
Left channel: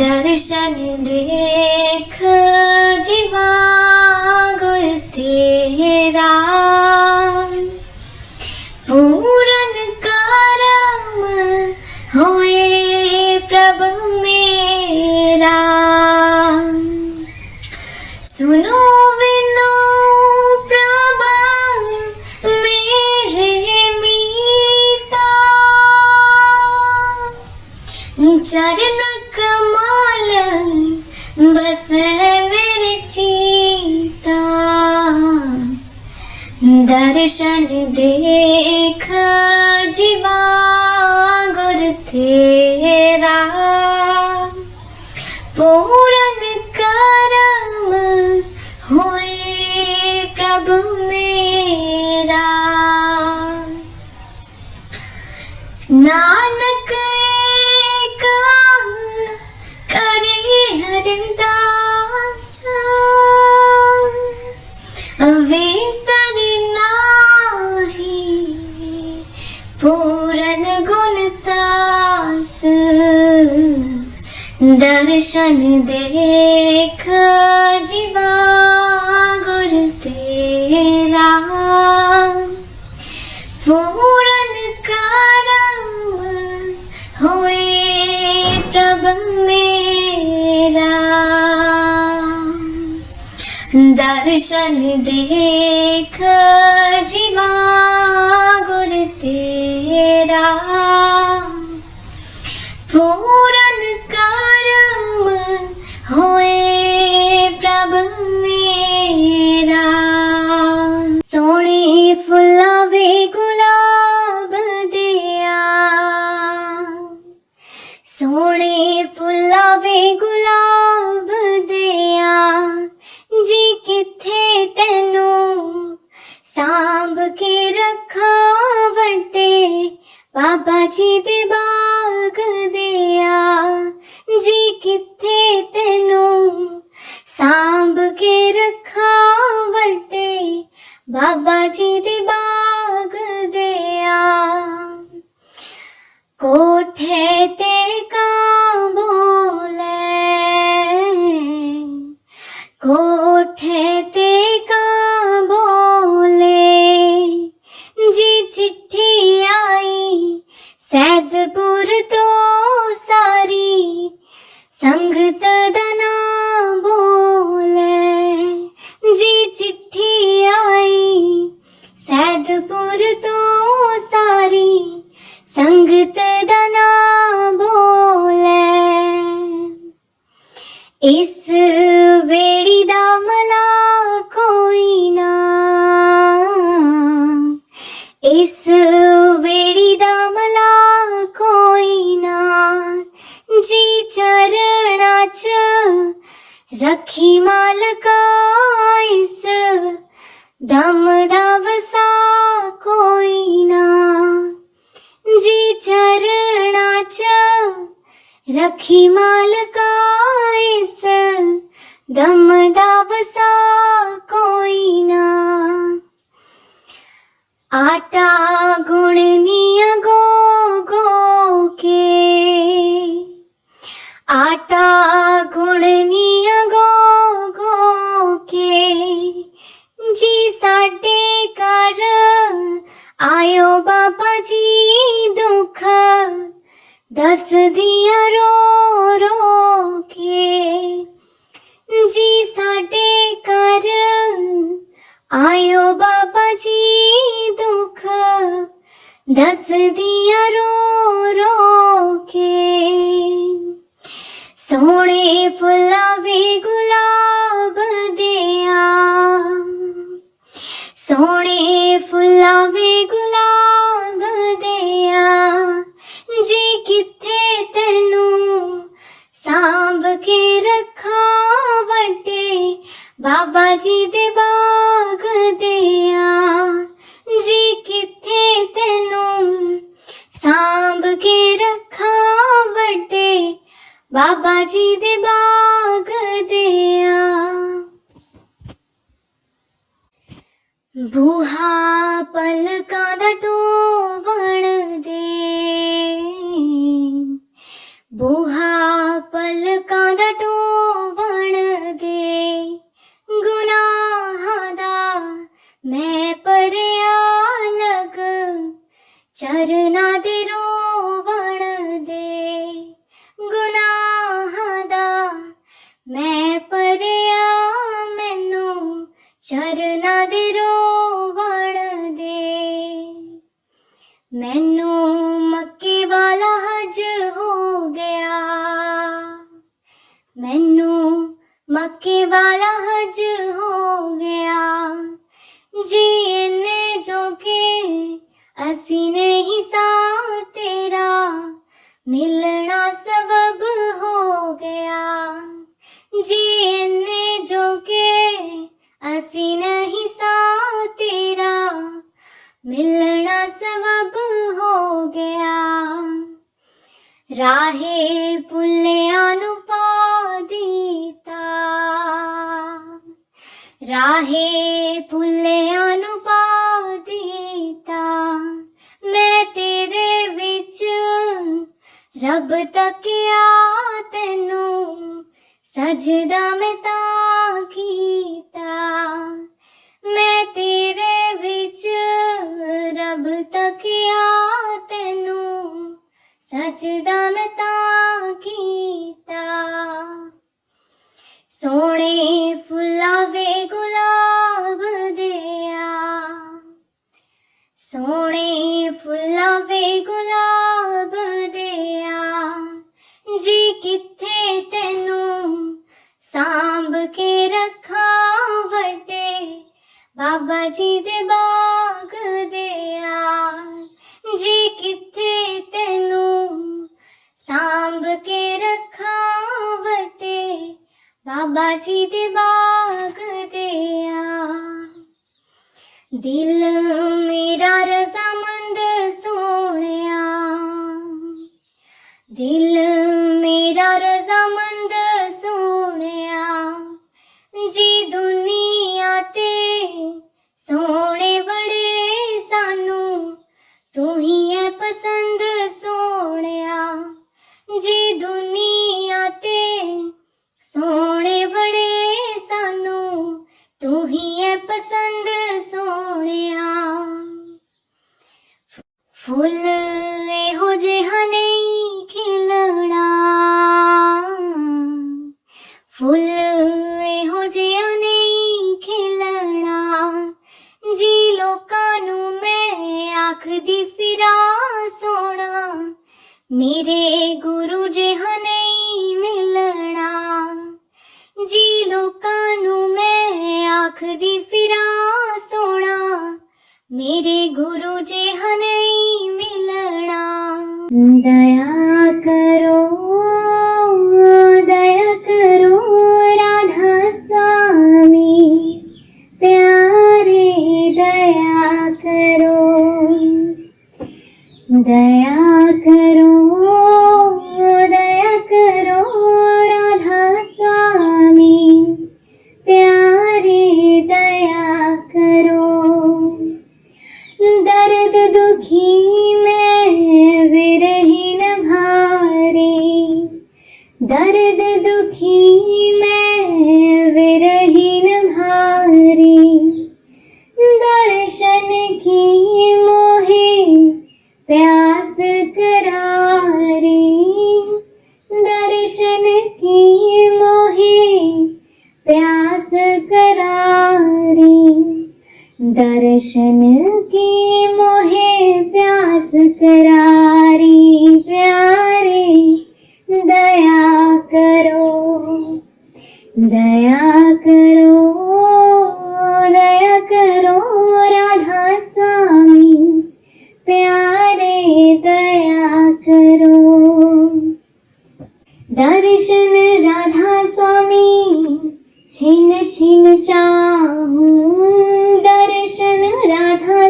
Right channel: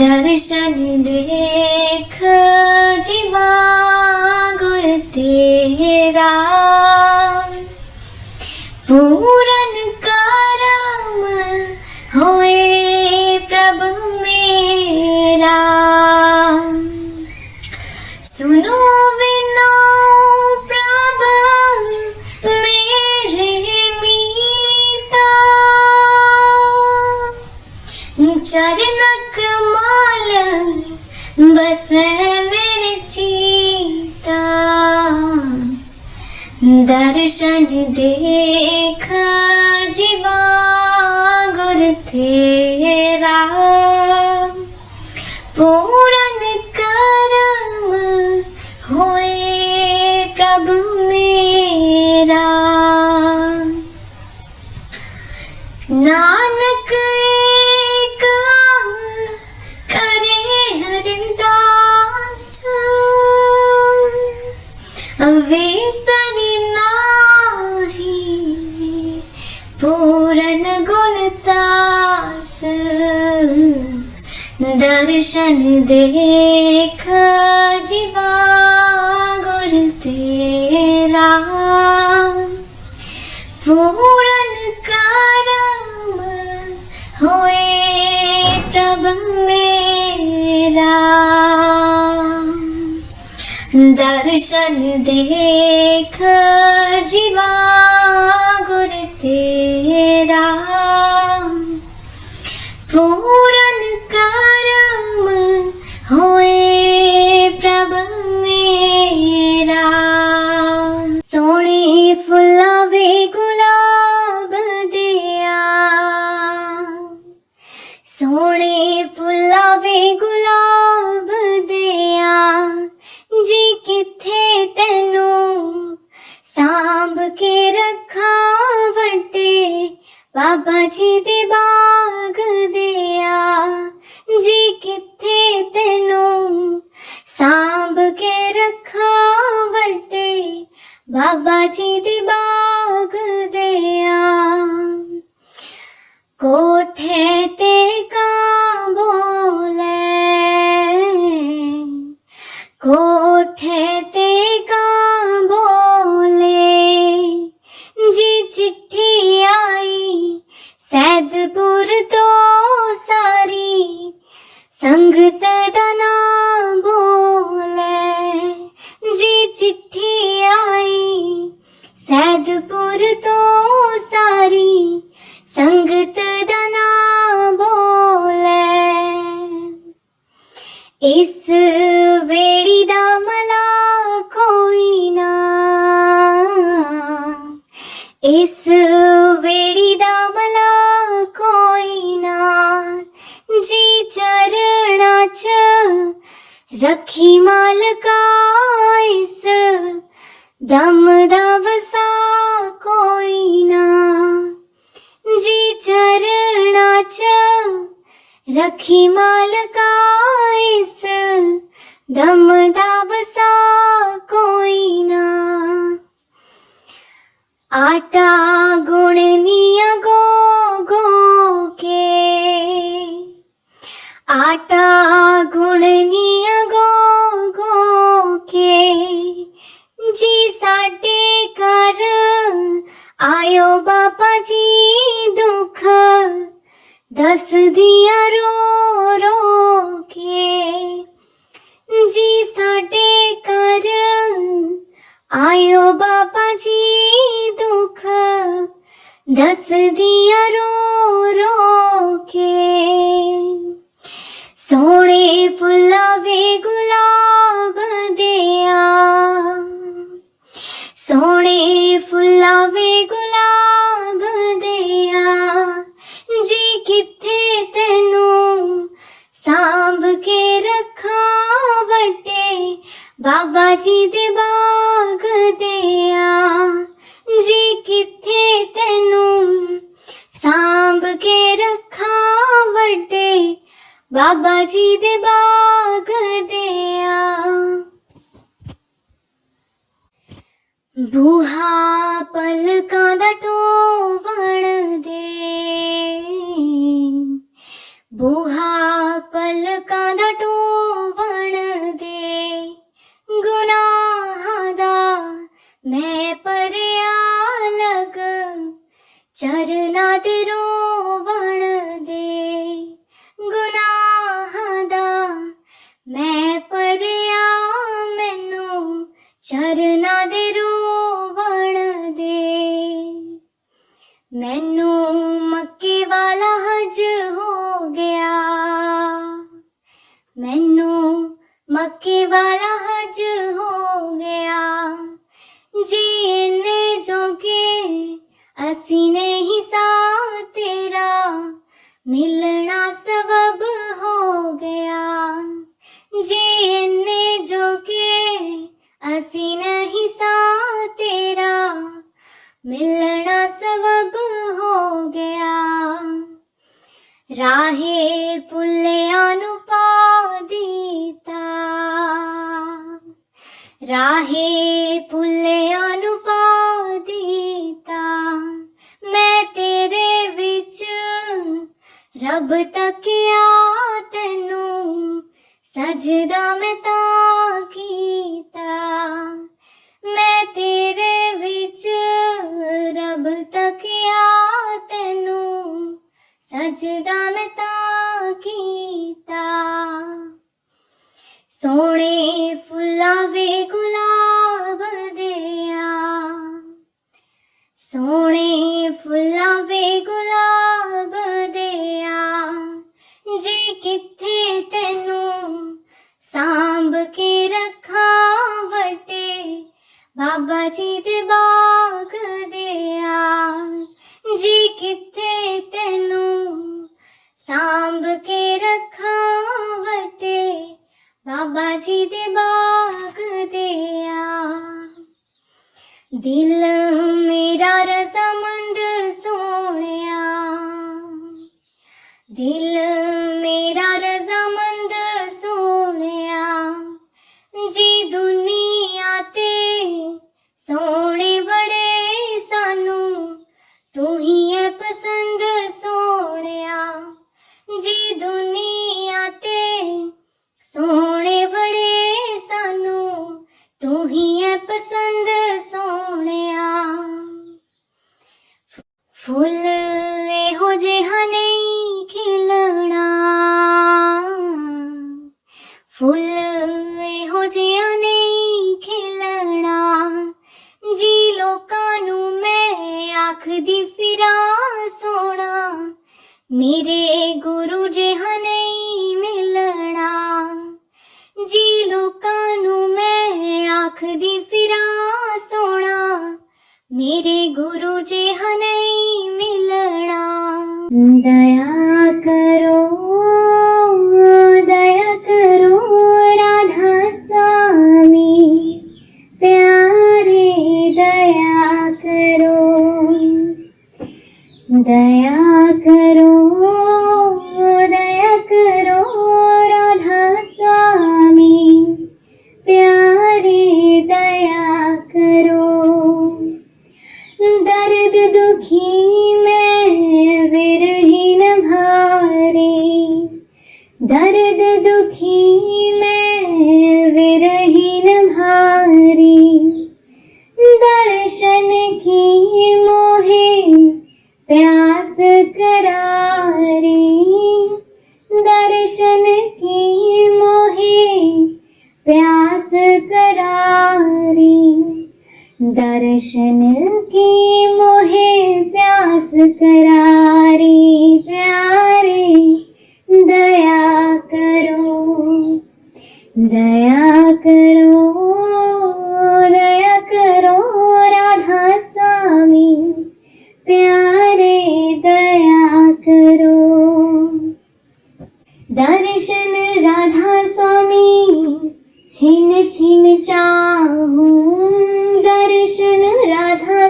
दर्शन देख जीवा गुर तेरा, पूरन करम होए प्रभु मेरा, सुनो विनो प्रभु मेरे मीता, चरण कमल बस मेरे चीता, दर्शन देख जीवा गुर तेरा, पूरन करम होए प्रभु मेरा, नानक एक करे हरिदास, अवेसर नाही पूरन गुणतास, दर्शन देख जीवा गुर तेरा, पूरन करम होए प्रभु मेरा, दर्शन देख जीवा गुर तेरा, पूरन करम होए प्रभु मेरा, सोने फुलावे गुलाब दिया, सोने फुलावे गुलाब दिया, जी किथे तेनू सांभ के रखा वड्डे बाबा जी दे बाग दिया, जी किथे तेनू सांभ के रखा वड्डे बाबा जी दे बाग दिया, कोठे ते कां बोले, कोठे ते कां बोले, जी चिट्ठी आई सैदपुर तो सारी संगत दा नाम बोले, जी चिट्ठी आई सैदपुर तो सारी संगत दा नाम बोले, इस वेड़ी दा मला कोई ना, इस वेड़ी दा मला कोई ना, जी चरणा च रखी मालका, इस दम दा वसा कोई ना, जी चरणा च रखी मालका, इस दम दा वसा कोई ना, आटा गुणनिया गो गो के, आटा गुणनिया गो गो के, जी साडे घर आयो बाबा जी दुख दस दिया रो रो के, जी साडे घर आयो बाबा जी दुख दस दिया रो रो के, सोने फुलावे गुलाब दिया, सोने फुलावे गुलाब दिया, जी किथे तेनू सांभ के रखा वड्डे बाबा जी दे बाग दिया, जी किथे तेनू सांभ के रखा वड्डे बाबा बाबा जी दे बाग दिया बूहा पलकां दा ढोवण दे बूहा पलकां दा ढोवण दे गुनाहां दा मैं भरिया लग चरना दे रोवण दे गुनाहां दा मैं भरिया मैनू चरना दे रोवण दे मैनू मक्के वाला हज हो गया मैनू मक्के वाला हज हो गया जी इन्ने जोगे असी नहीं सा तेरा मिलना सबब हो गया जी इन्ने जोगे असी नहीं सा तेरा मिलना सबब हो गया राहे पुल्लिया नू पा दीता राहे पुल्लिया नू पा दीता मैं तेरे विच रब तकिया तैनू सजदा मैं तां कीता मैं तेरे विच रब तकिया तैनू सजदा मैं तां कीता सोने फुल्ला वे गुलाब दिया सोने फुल्ला वे गुलाब दिया जी किथे तैनू सांभ के रखा वटे बाबा जी दे बाग दिया जी किथे तैनू सांभ के रखा वटे बाबा जी दे बाग दिया दिल मेरा रज़ामंद सोहणिया दिल मेरा रज़ामंद सोहणिया जी दुनिया ते सोहणे बड़े सानू तू ही है पसंद सोहणिया जी दुनिया ते सोहणे बड़े सानू तू ही है पसंद सोहणिया फुल एहो जिहा नहीं खिलना फुल एहो जिहा नहीं खिलना जी लोकां नू मैं आखदी फिरा सोना मेरे गुरु जिहा नहीं मिलना जी लोकां नू मैं आखदी फिरा सोना मेरे गुरु जिहा नहीं मिलना दया करो राधा स्वामी प्यारे दया करो राधा स्वामी प्यारे दया करो दर्द दुखी में विरहीन भारे दर्द दुखी में विरहीन भारी दर्शन की मोहे प्यास करारी दर्शन की मोहे प्यास करारी दर्शन की मोहे प्यास करारी प्यारे दया करो राधा स्वामी प्यारे दया करो दर्शन राधा स्वामी छिन छिन चाहूं दर्शन राधा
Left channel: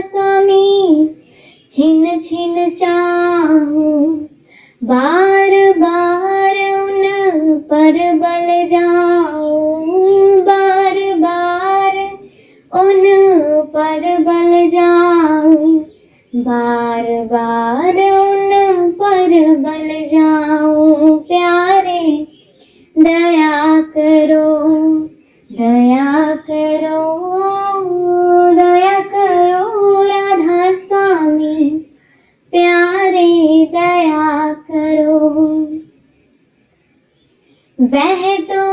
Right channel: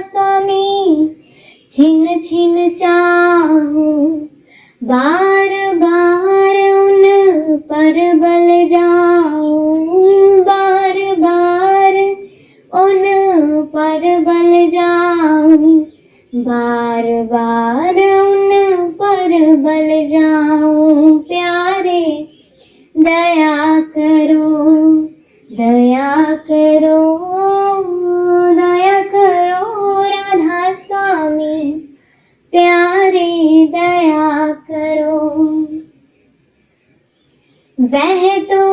बार बार उन पर बल जाऊं प्यारे, दया करो, दया करो, दया करो राधा स्वामी प्यारे, दया करो। वह तो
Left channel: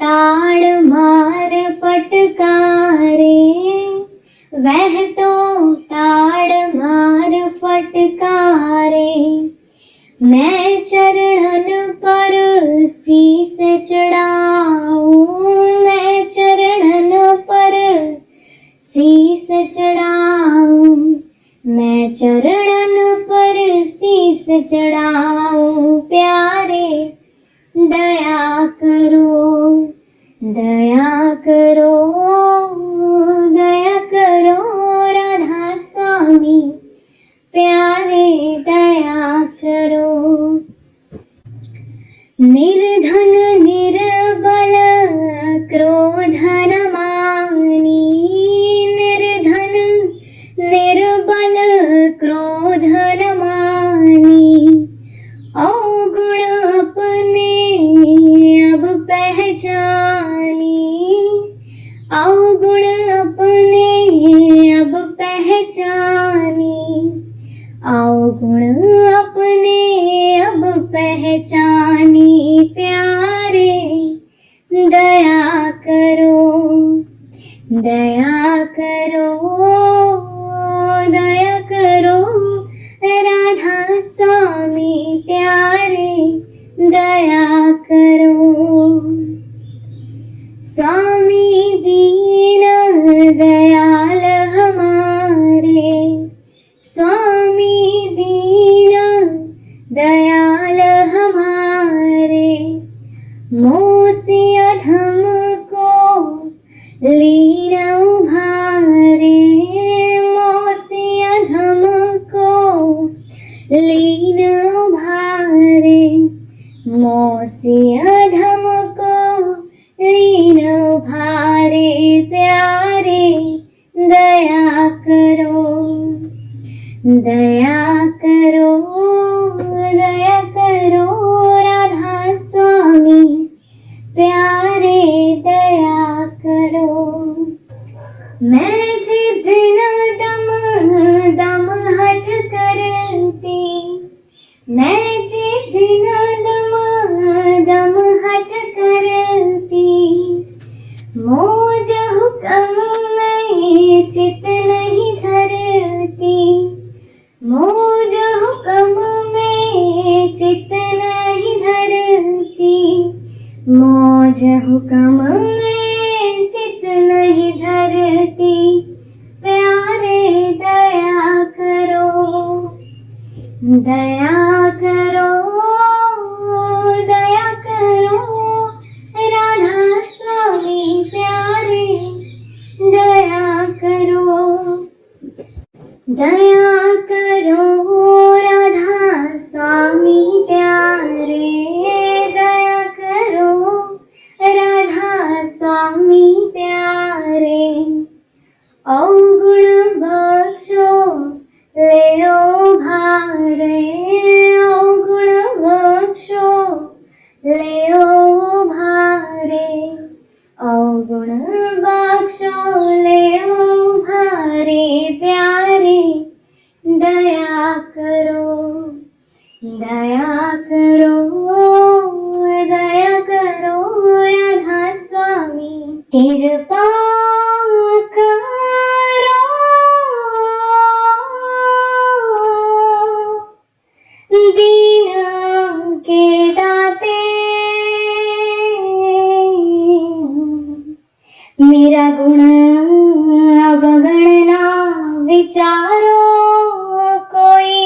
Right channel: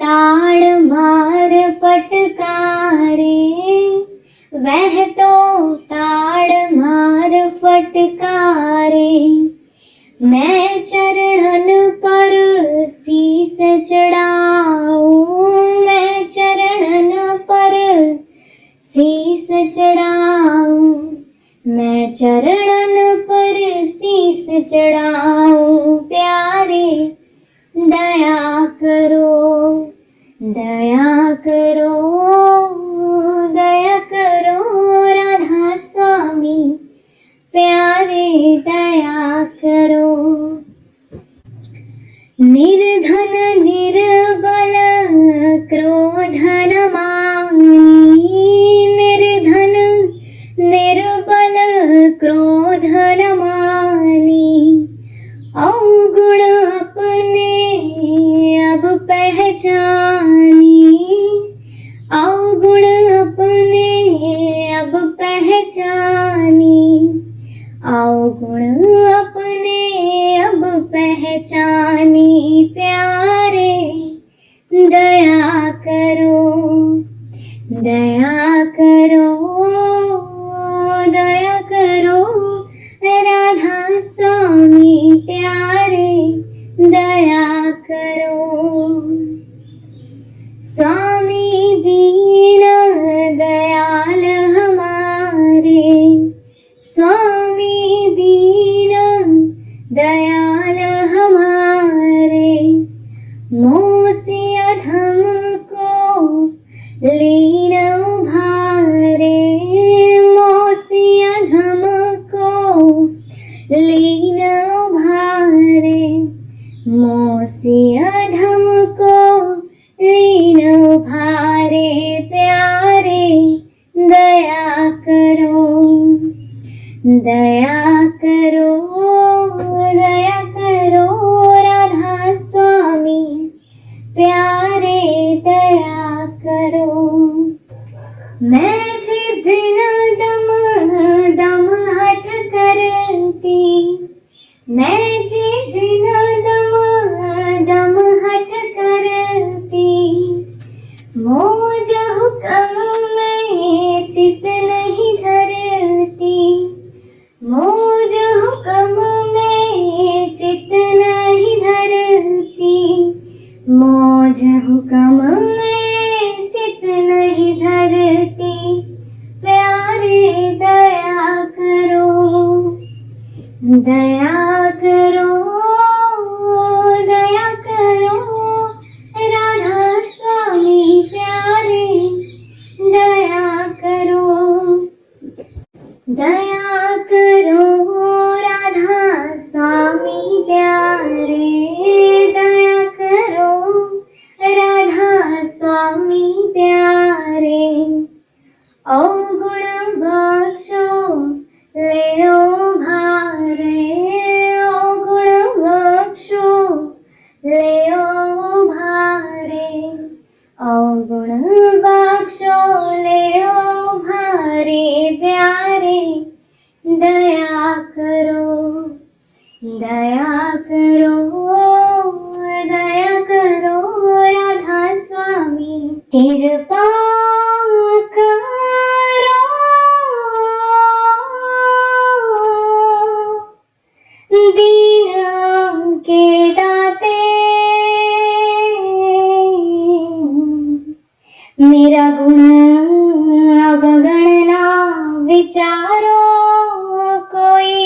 ताड़ मार फटकारे, वह तो ताड़ मार फटकारे, मैं चरणन पर शीस चढ़ाऊं, मैं चरणन पर शीस चढ़ाऊं, मैं चरणन पर शीस चढ़ाऊं प्यारे, दया करो, दया करो, दया करो राधा स्वामी प्यारे, दया करो। निर्धन निर्बल क्रोध न मानी, निर्धन निर्बल क्रोध न मानी, अवगुण अपने अब पहचानी, अवगुण अपने अब पहचानी, अवगुण अपने अब पहचानी प्यारे, दया करो, दया करो, दया करो राधा स्वामी प्यारे, दया करो। स्वामी दीन दयाल हमारे, स्वामी दीन दयाल हमारे, मोह से अधम को लीन उभारे, मोह से अधम को लीन उभारे, मोह से अधम को लीन उभारे प्यारे, दया करो, दया करो, दया करो राधा स्वामी प्यारे, दया करो। मैं जिद न दम दम हट करती, मैं जिद न दम दम हट करती, मौज हुक्म में चित नहीं धरती, मौज हुक्म में चित नहीं धरती, मौज हुक्म में चित नहीं धरती प्यारे, दया करो, दया करो, दया करो राधा स्वामी प्यारे, दया करो, दया करो राधा स्वामी प्यारे, दया करो राधा स्वामी प्यारे, अवगुण बख्शो ले भारे, अवगुण बख्शो ले भारे, अवगुण बख्शो ले भारे प्यारे, दया करो, दया करो, दया करो राधा स्वामी कृपा करो, दीन के दाते मेरा गुण अवगणना विचारो कोई,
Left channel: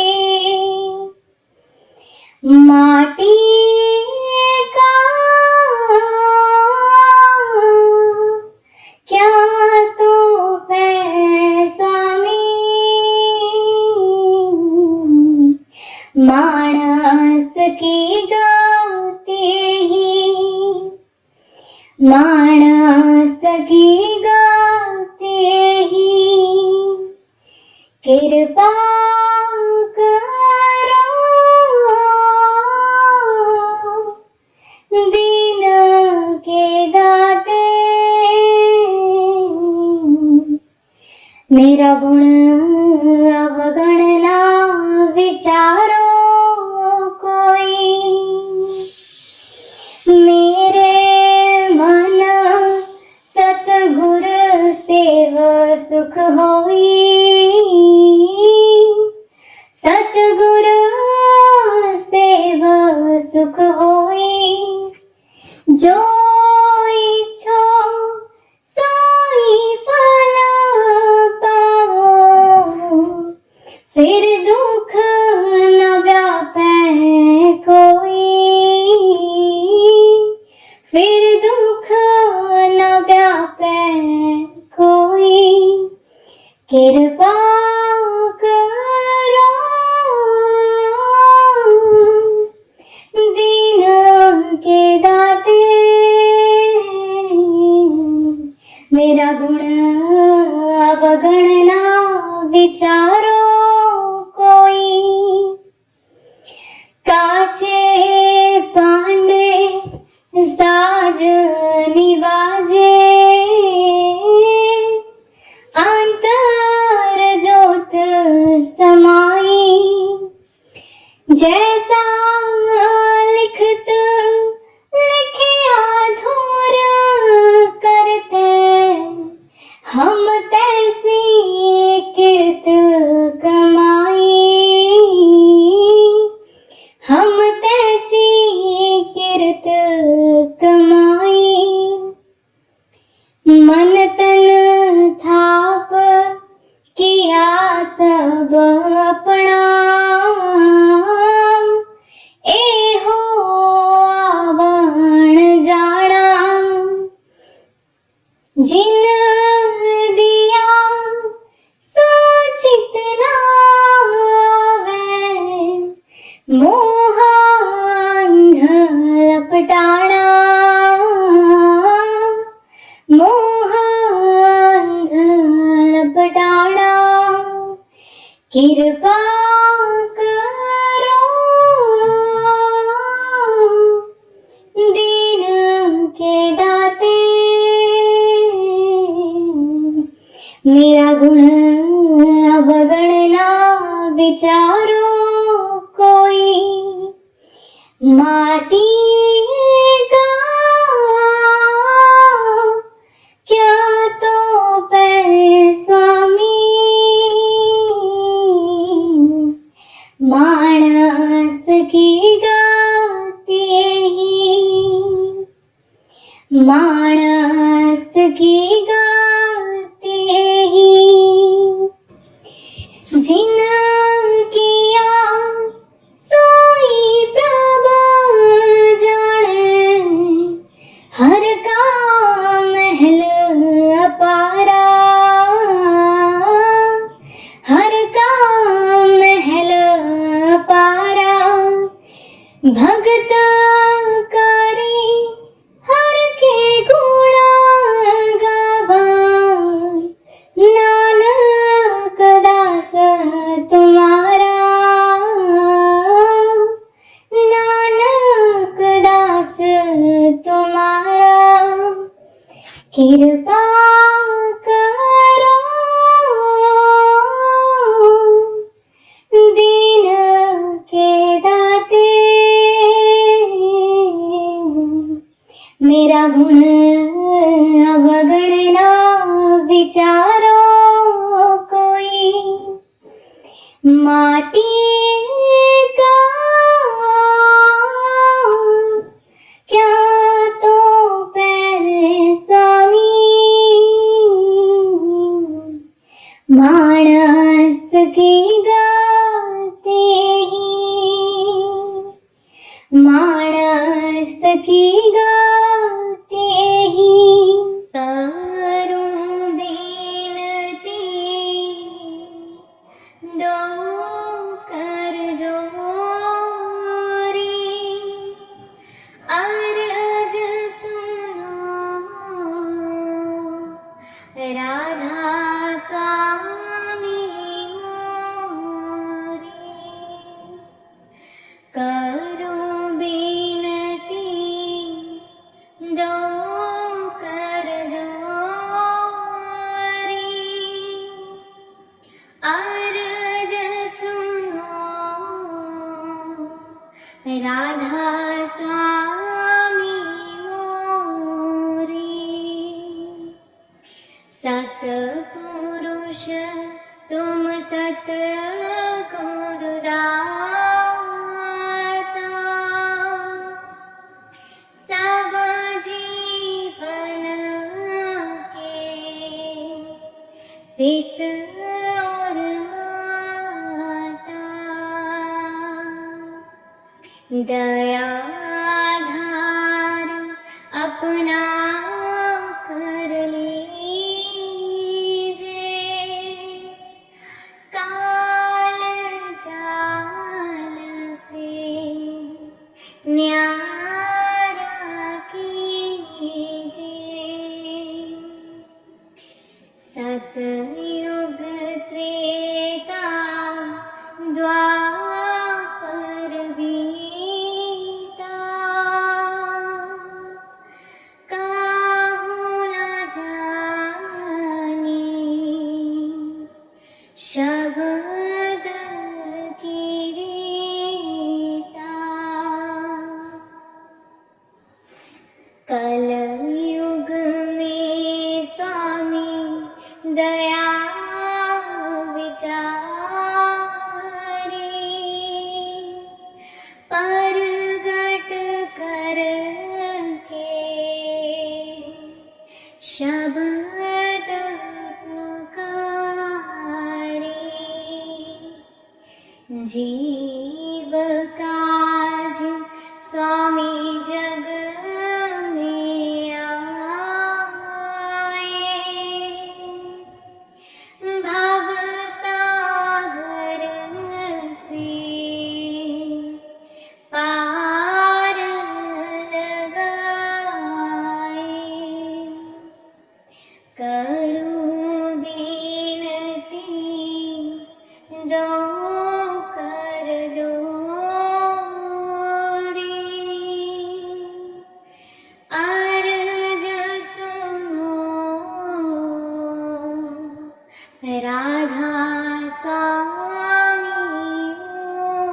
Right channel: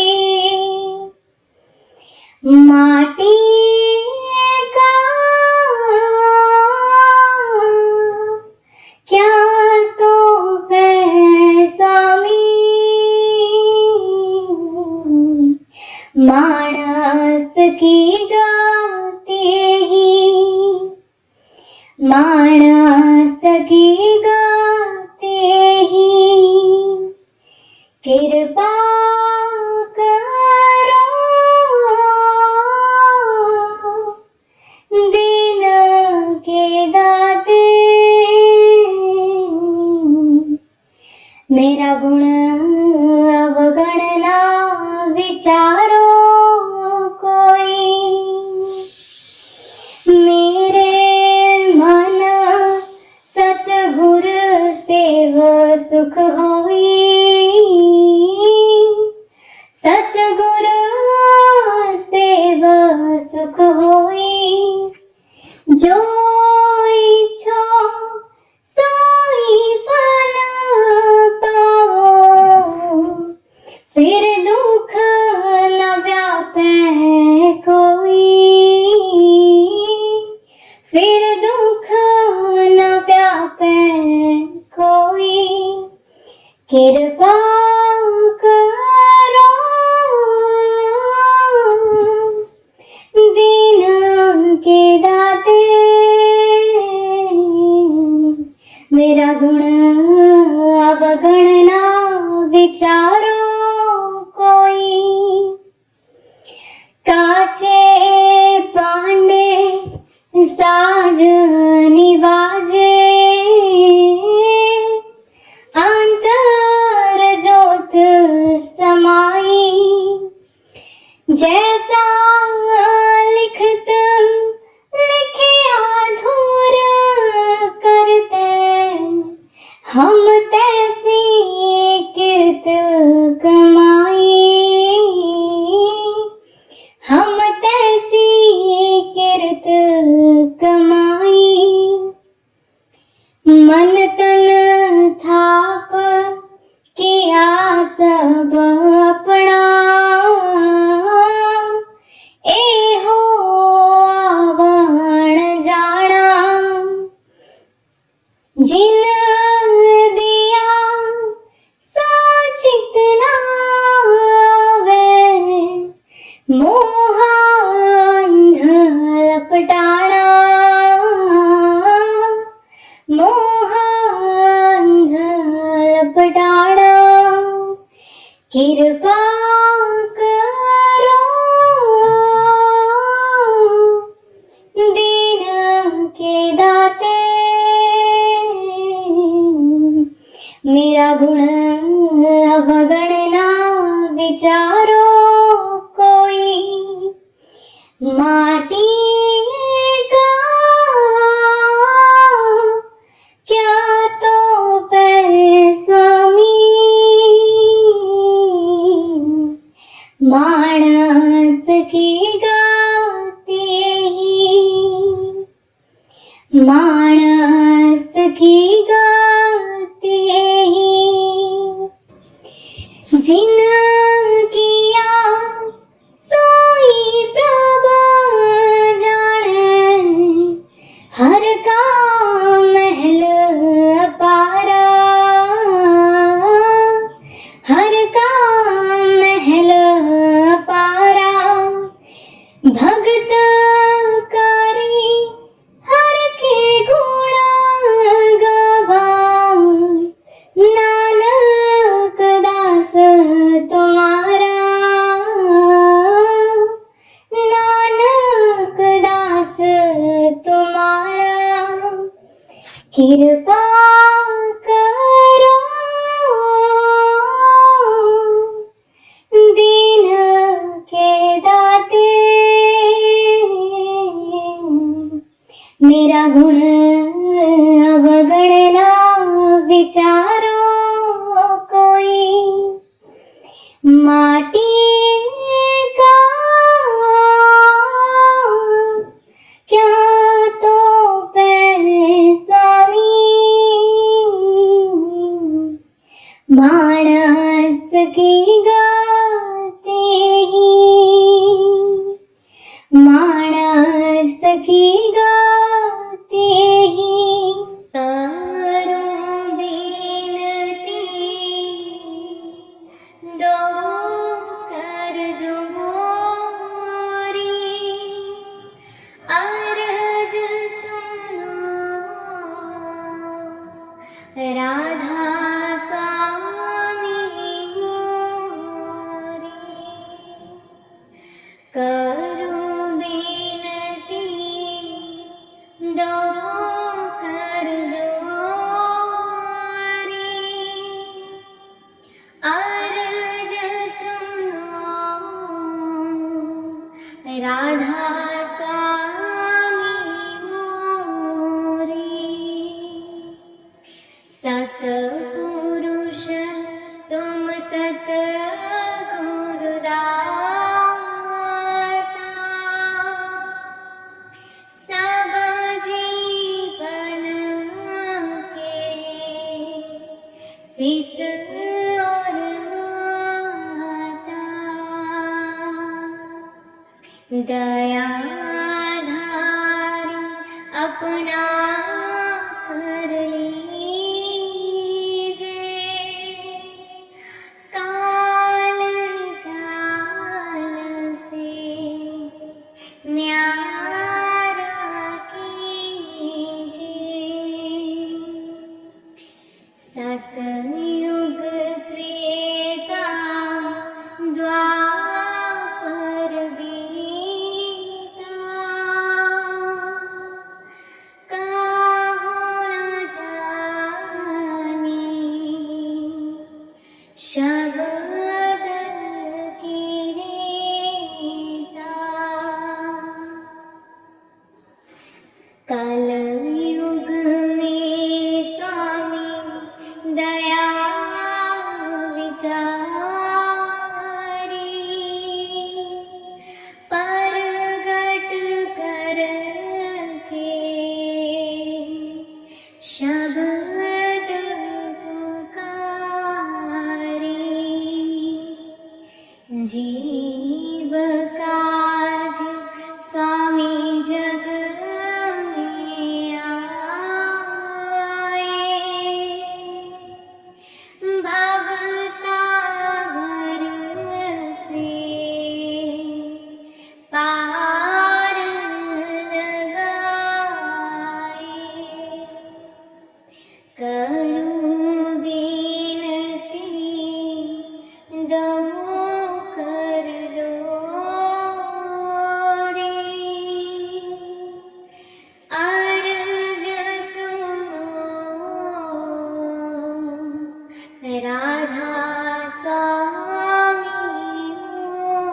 माटी का क्या तो है स्वामी, मानस की गाते ही, मानस की गाते ही कृपा जो इच्छो सोई फल पाओ, फिर दुख न व्यापे कोई, फिर दुख न व्यापे कोई। कृपा करो दीन के दाते, मेरा गुण अवगणना विचारो कोई। काचे पांडे साज निवाजे, अंतर ज्योत समाई। जैसा लिखत लिखिया धूर करते, हम तैसी कीर्त कमाई, हम तैसी कीर्त कमाई। मन तन थाप किया सब अपना, एहो आवण जाना। जिन दिया सोचित ना आवे, मोह अंध लपटाना, मोह अंध लपटाना। कृपा करो दीन के दाते, मेरा गुण अवगणना विचारो कोई। माटी का क्या तो पैसमी, मानस की गाती ही, मानस की गाती ही। जिन किया सोई प्रभु जाने, हर का महल अपारा, हर का महल अपारा। भगत करी हर के गुणा गावा, नानक दास तुम्हारा, नानक दास तुम्हारा। कृपा करो दीन के दाते, मेरा गुण अवगणना विचारो कोई। माटी का क्या तो पैसमी, मानस की गाते ही, मानस की गाते ही। करूं बिनती दो कर जोरी, अर्ज सुनो राधा स्वामी मोरी। करूं बिनती दो कर जोरी, अर्ज सुनो राधा स्वामी मोरी। सतपुरुष तुम सतगुरु दाता, सब हित और माता दया धार अपना कर लीजे काल जाल से न्यारा कीजिए सतयुग त्रेता द्वापर बीता काहू न जाने शब्द की रीता कलयुग में स्वामी दया विचारी परगट करके शब्द पुकारी जीव काज स्वामी जग में आए भव सागर से पार लगाए करूं बिनती दो कर जोड़ी अर्ज सुनो राधा स्वामी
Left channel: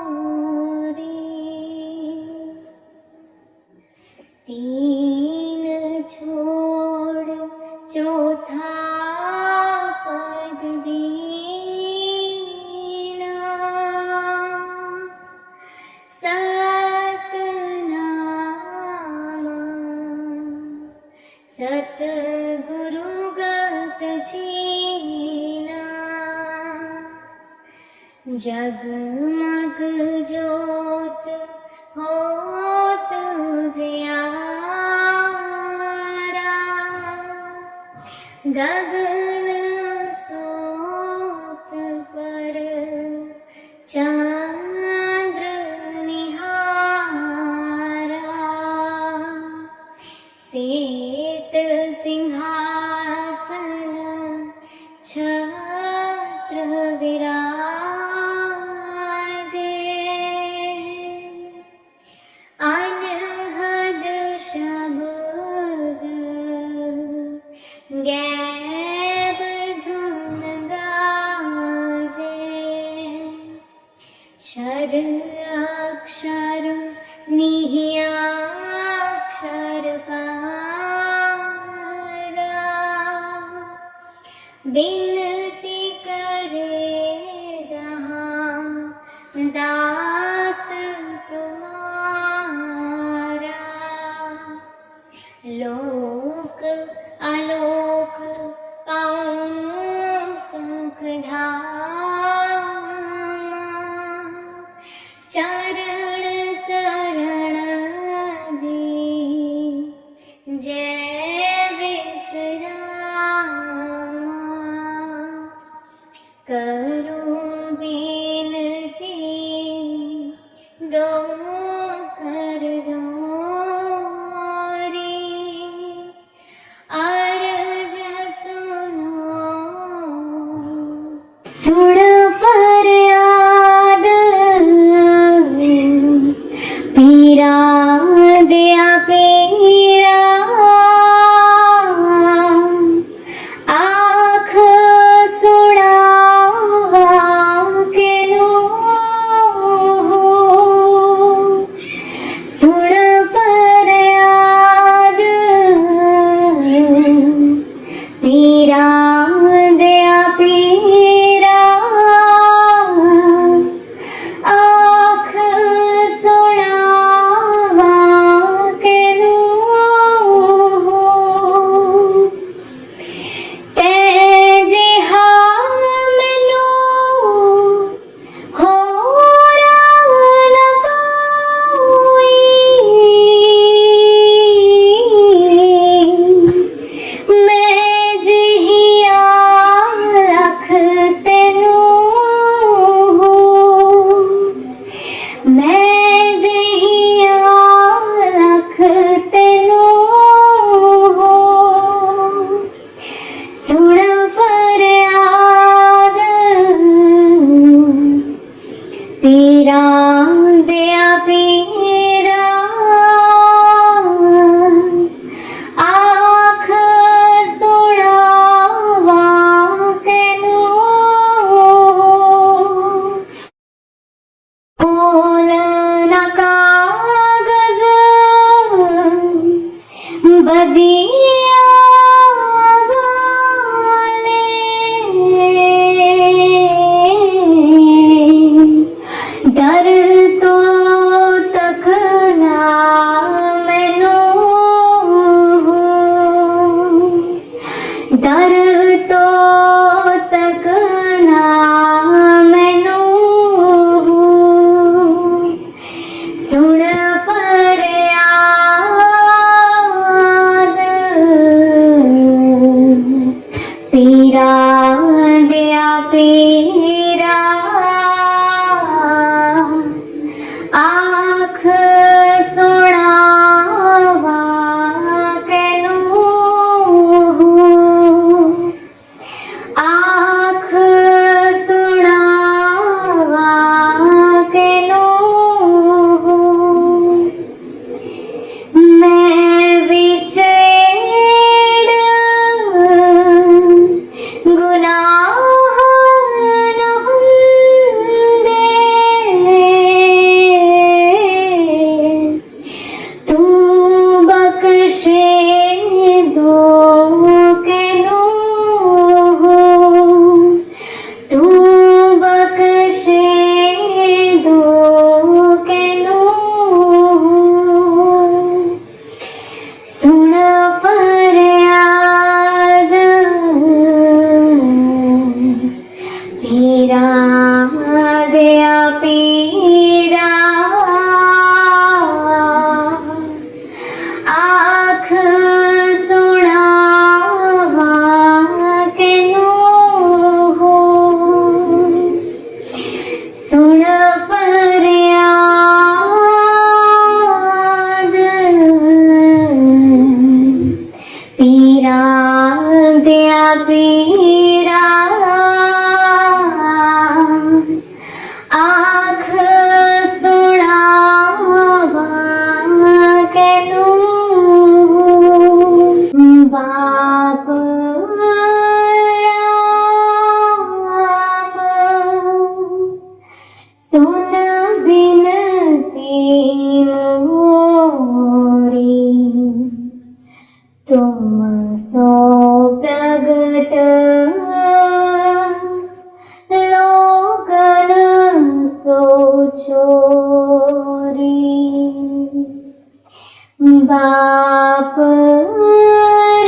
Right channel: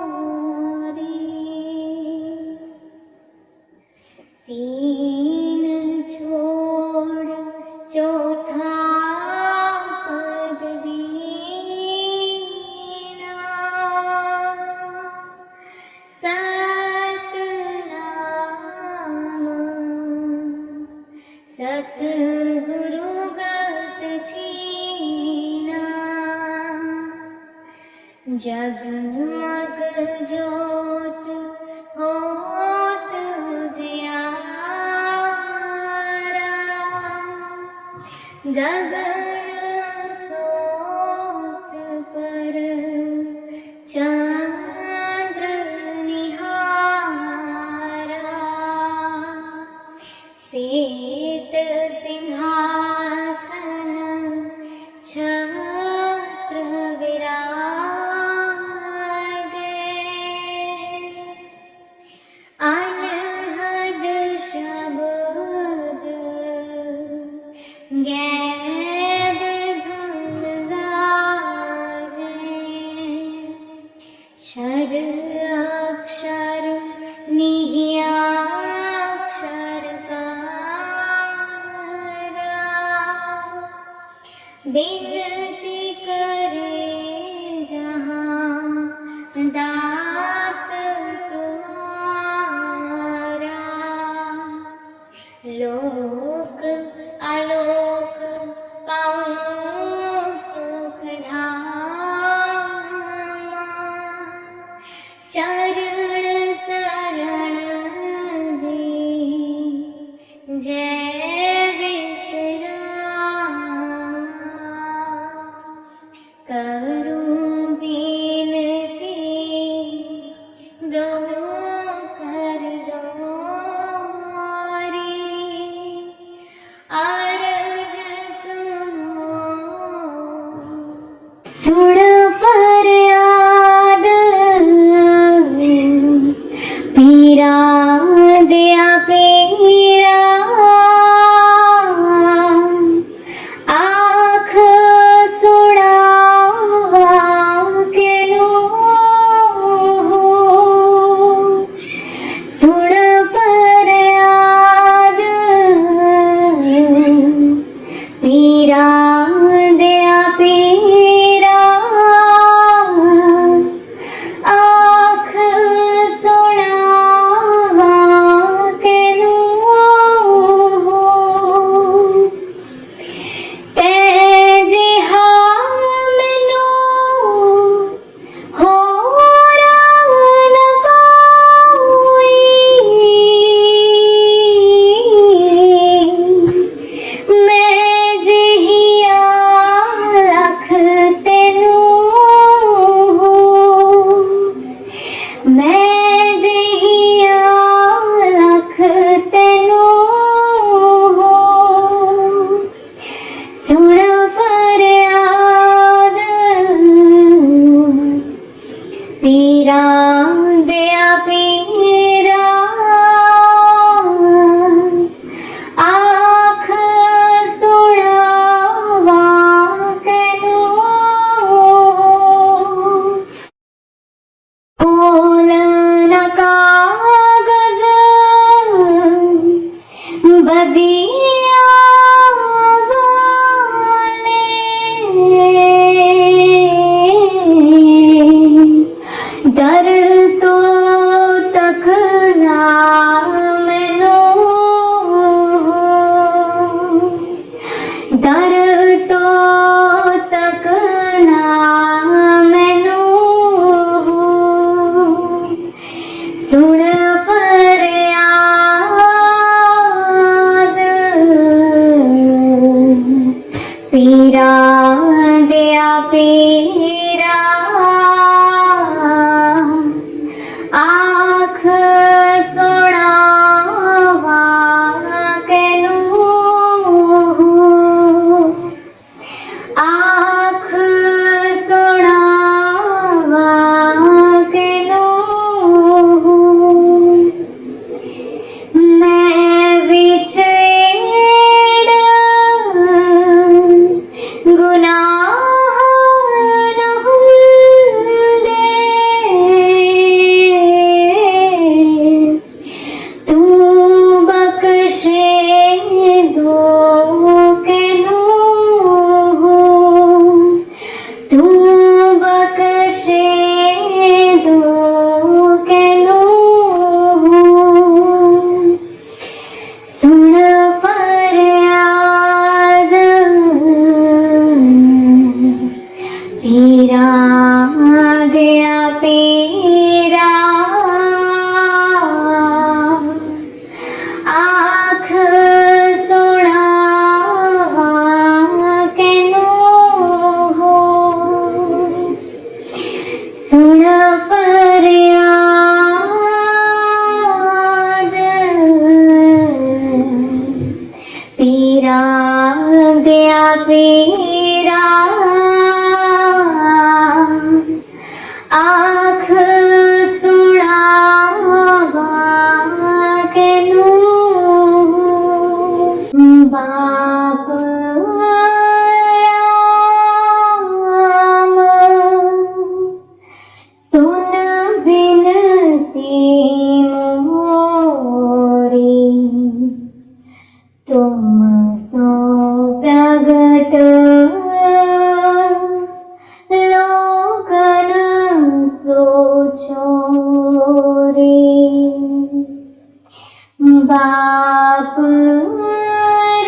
मोरे तीन छोड़ चौथा पद दीना सतनाम सतगुरु गत छीना जगमग ज्योत होत जियारा गगन सोत पर चंद्र निहारा सेत सिंहासन छत्र विराजे अनहद शब्द गैब धुन गाजे शर अक्षर निह्याक्षर पारा बिनती करे जहाँ दास तुम्हारा लोक आलोक पाऊं सुख धामा चरण शरण दे जय विश्रामा करूं बिनती दो कर जोरी बगिया वाले डर तो तकना मैनू डर तो तकना मैनू सुन फरियाद पीरा दिया पीरा आँख सुनावा कैनू आँख सुनावा कैनू मैं विछड़ गुनाह न हुंदे तू बख्शे दो कैनू तू बख्शे दो कैनू सुन फरियाद पीरा दिया पीरा आँख सुनावा कैनू सुन फरियाद पीरा दिया पीरा आँख सुनावा कैनू बाप राम सुन बिनती मोरी तुम सो प्रगट लोकन सो छोरे बाप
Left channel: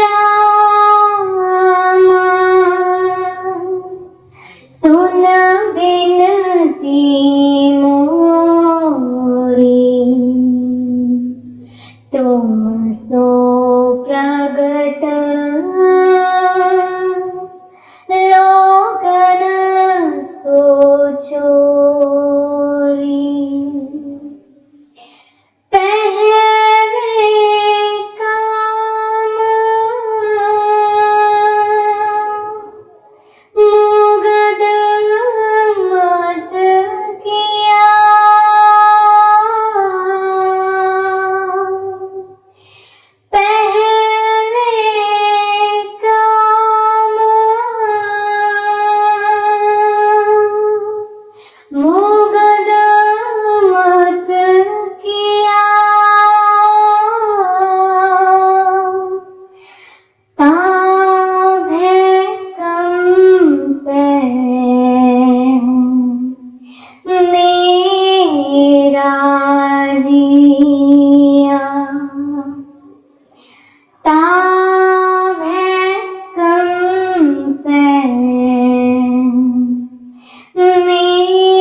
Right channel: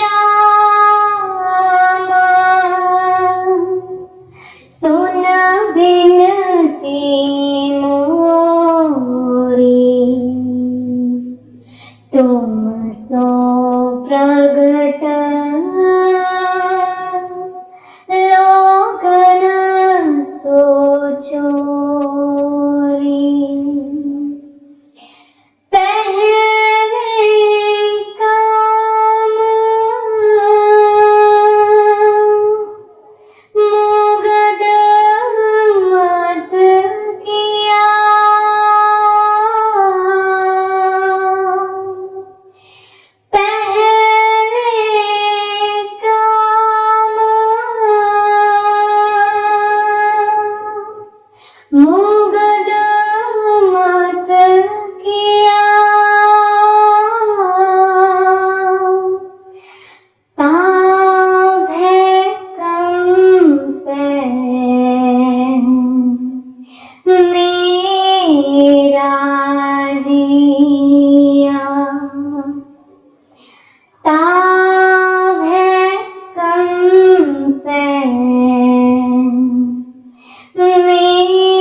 राम सुन बिनती मोरी तुम सो प्रगट लोकन सो छोरी पहले काम मुगद मत किया मुगद मत किया ताभे कम पे मेरा जिया ताभे कम पे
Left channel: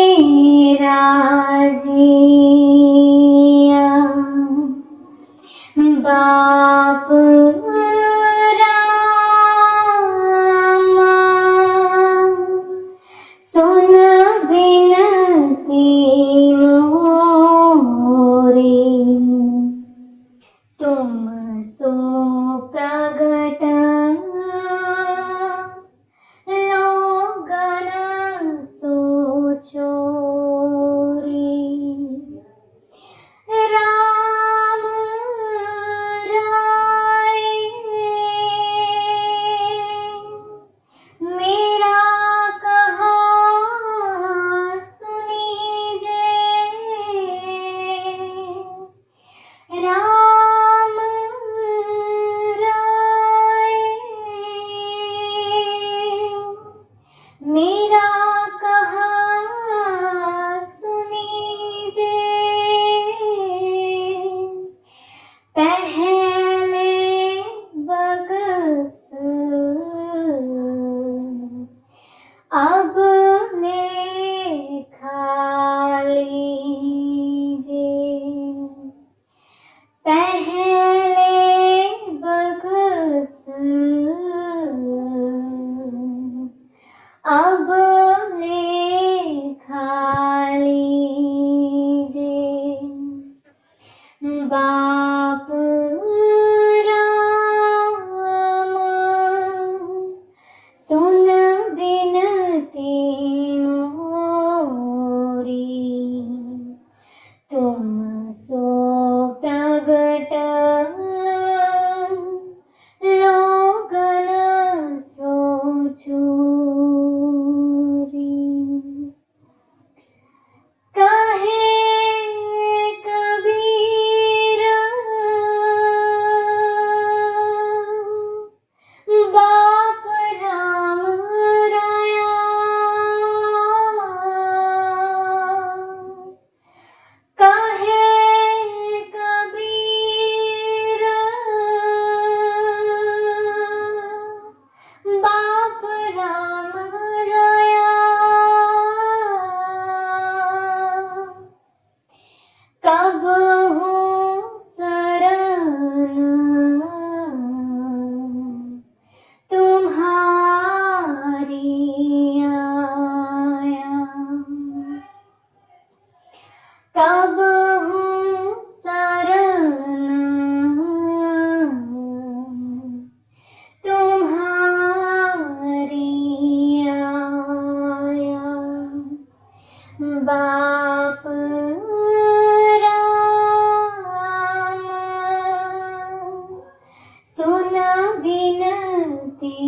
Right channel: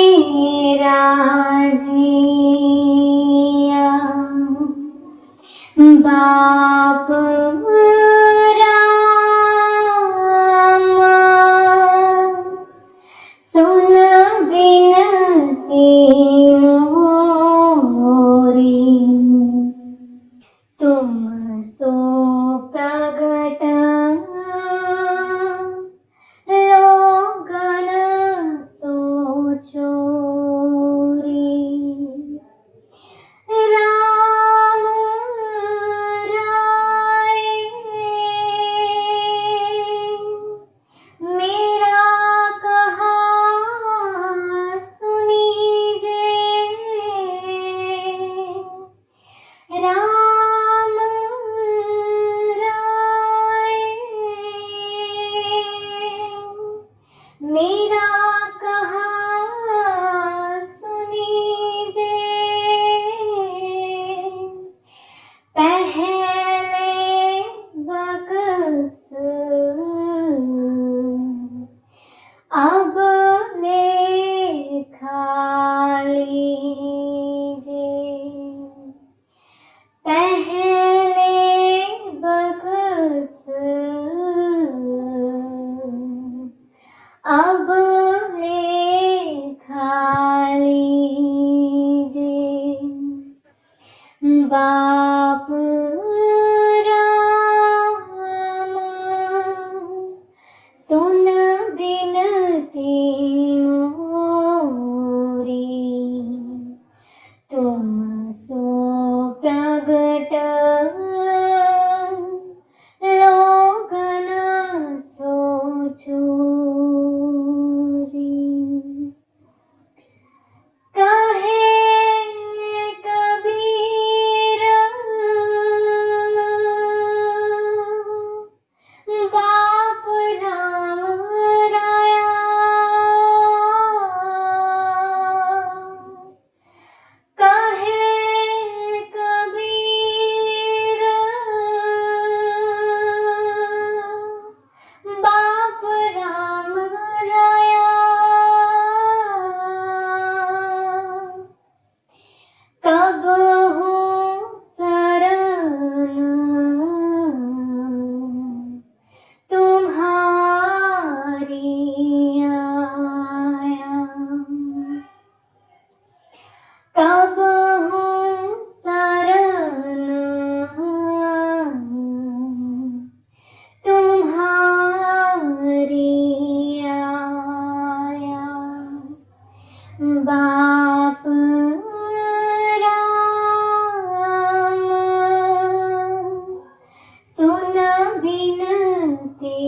मेरा जिया बाप राम सुन बिनती मोरी तुम सो प्रगट लोकन सो छोरी राम राय मेरा कहा सुनीजे राम बरस अब लेखा लीजिए पहले बरस अब लेखा लीजिए बाप राम सुन बिनती मोरी तुम सो प्रगट लोगन सो चोरी कहे कबीर बाप राम राया कहे कबीर बाप राम राया कब हूँ शरण तुम्हारी आया कब हूँ शरण तुम्हारी आया बाप राम सुन बिनती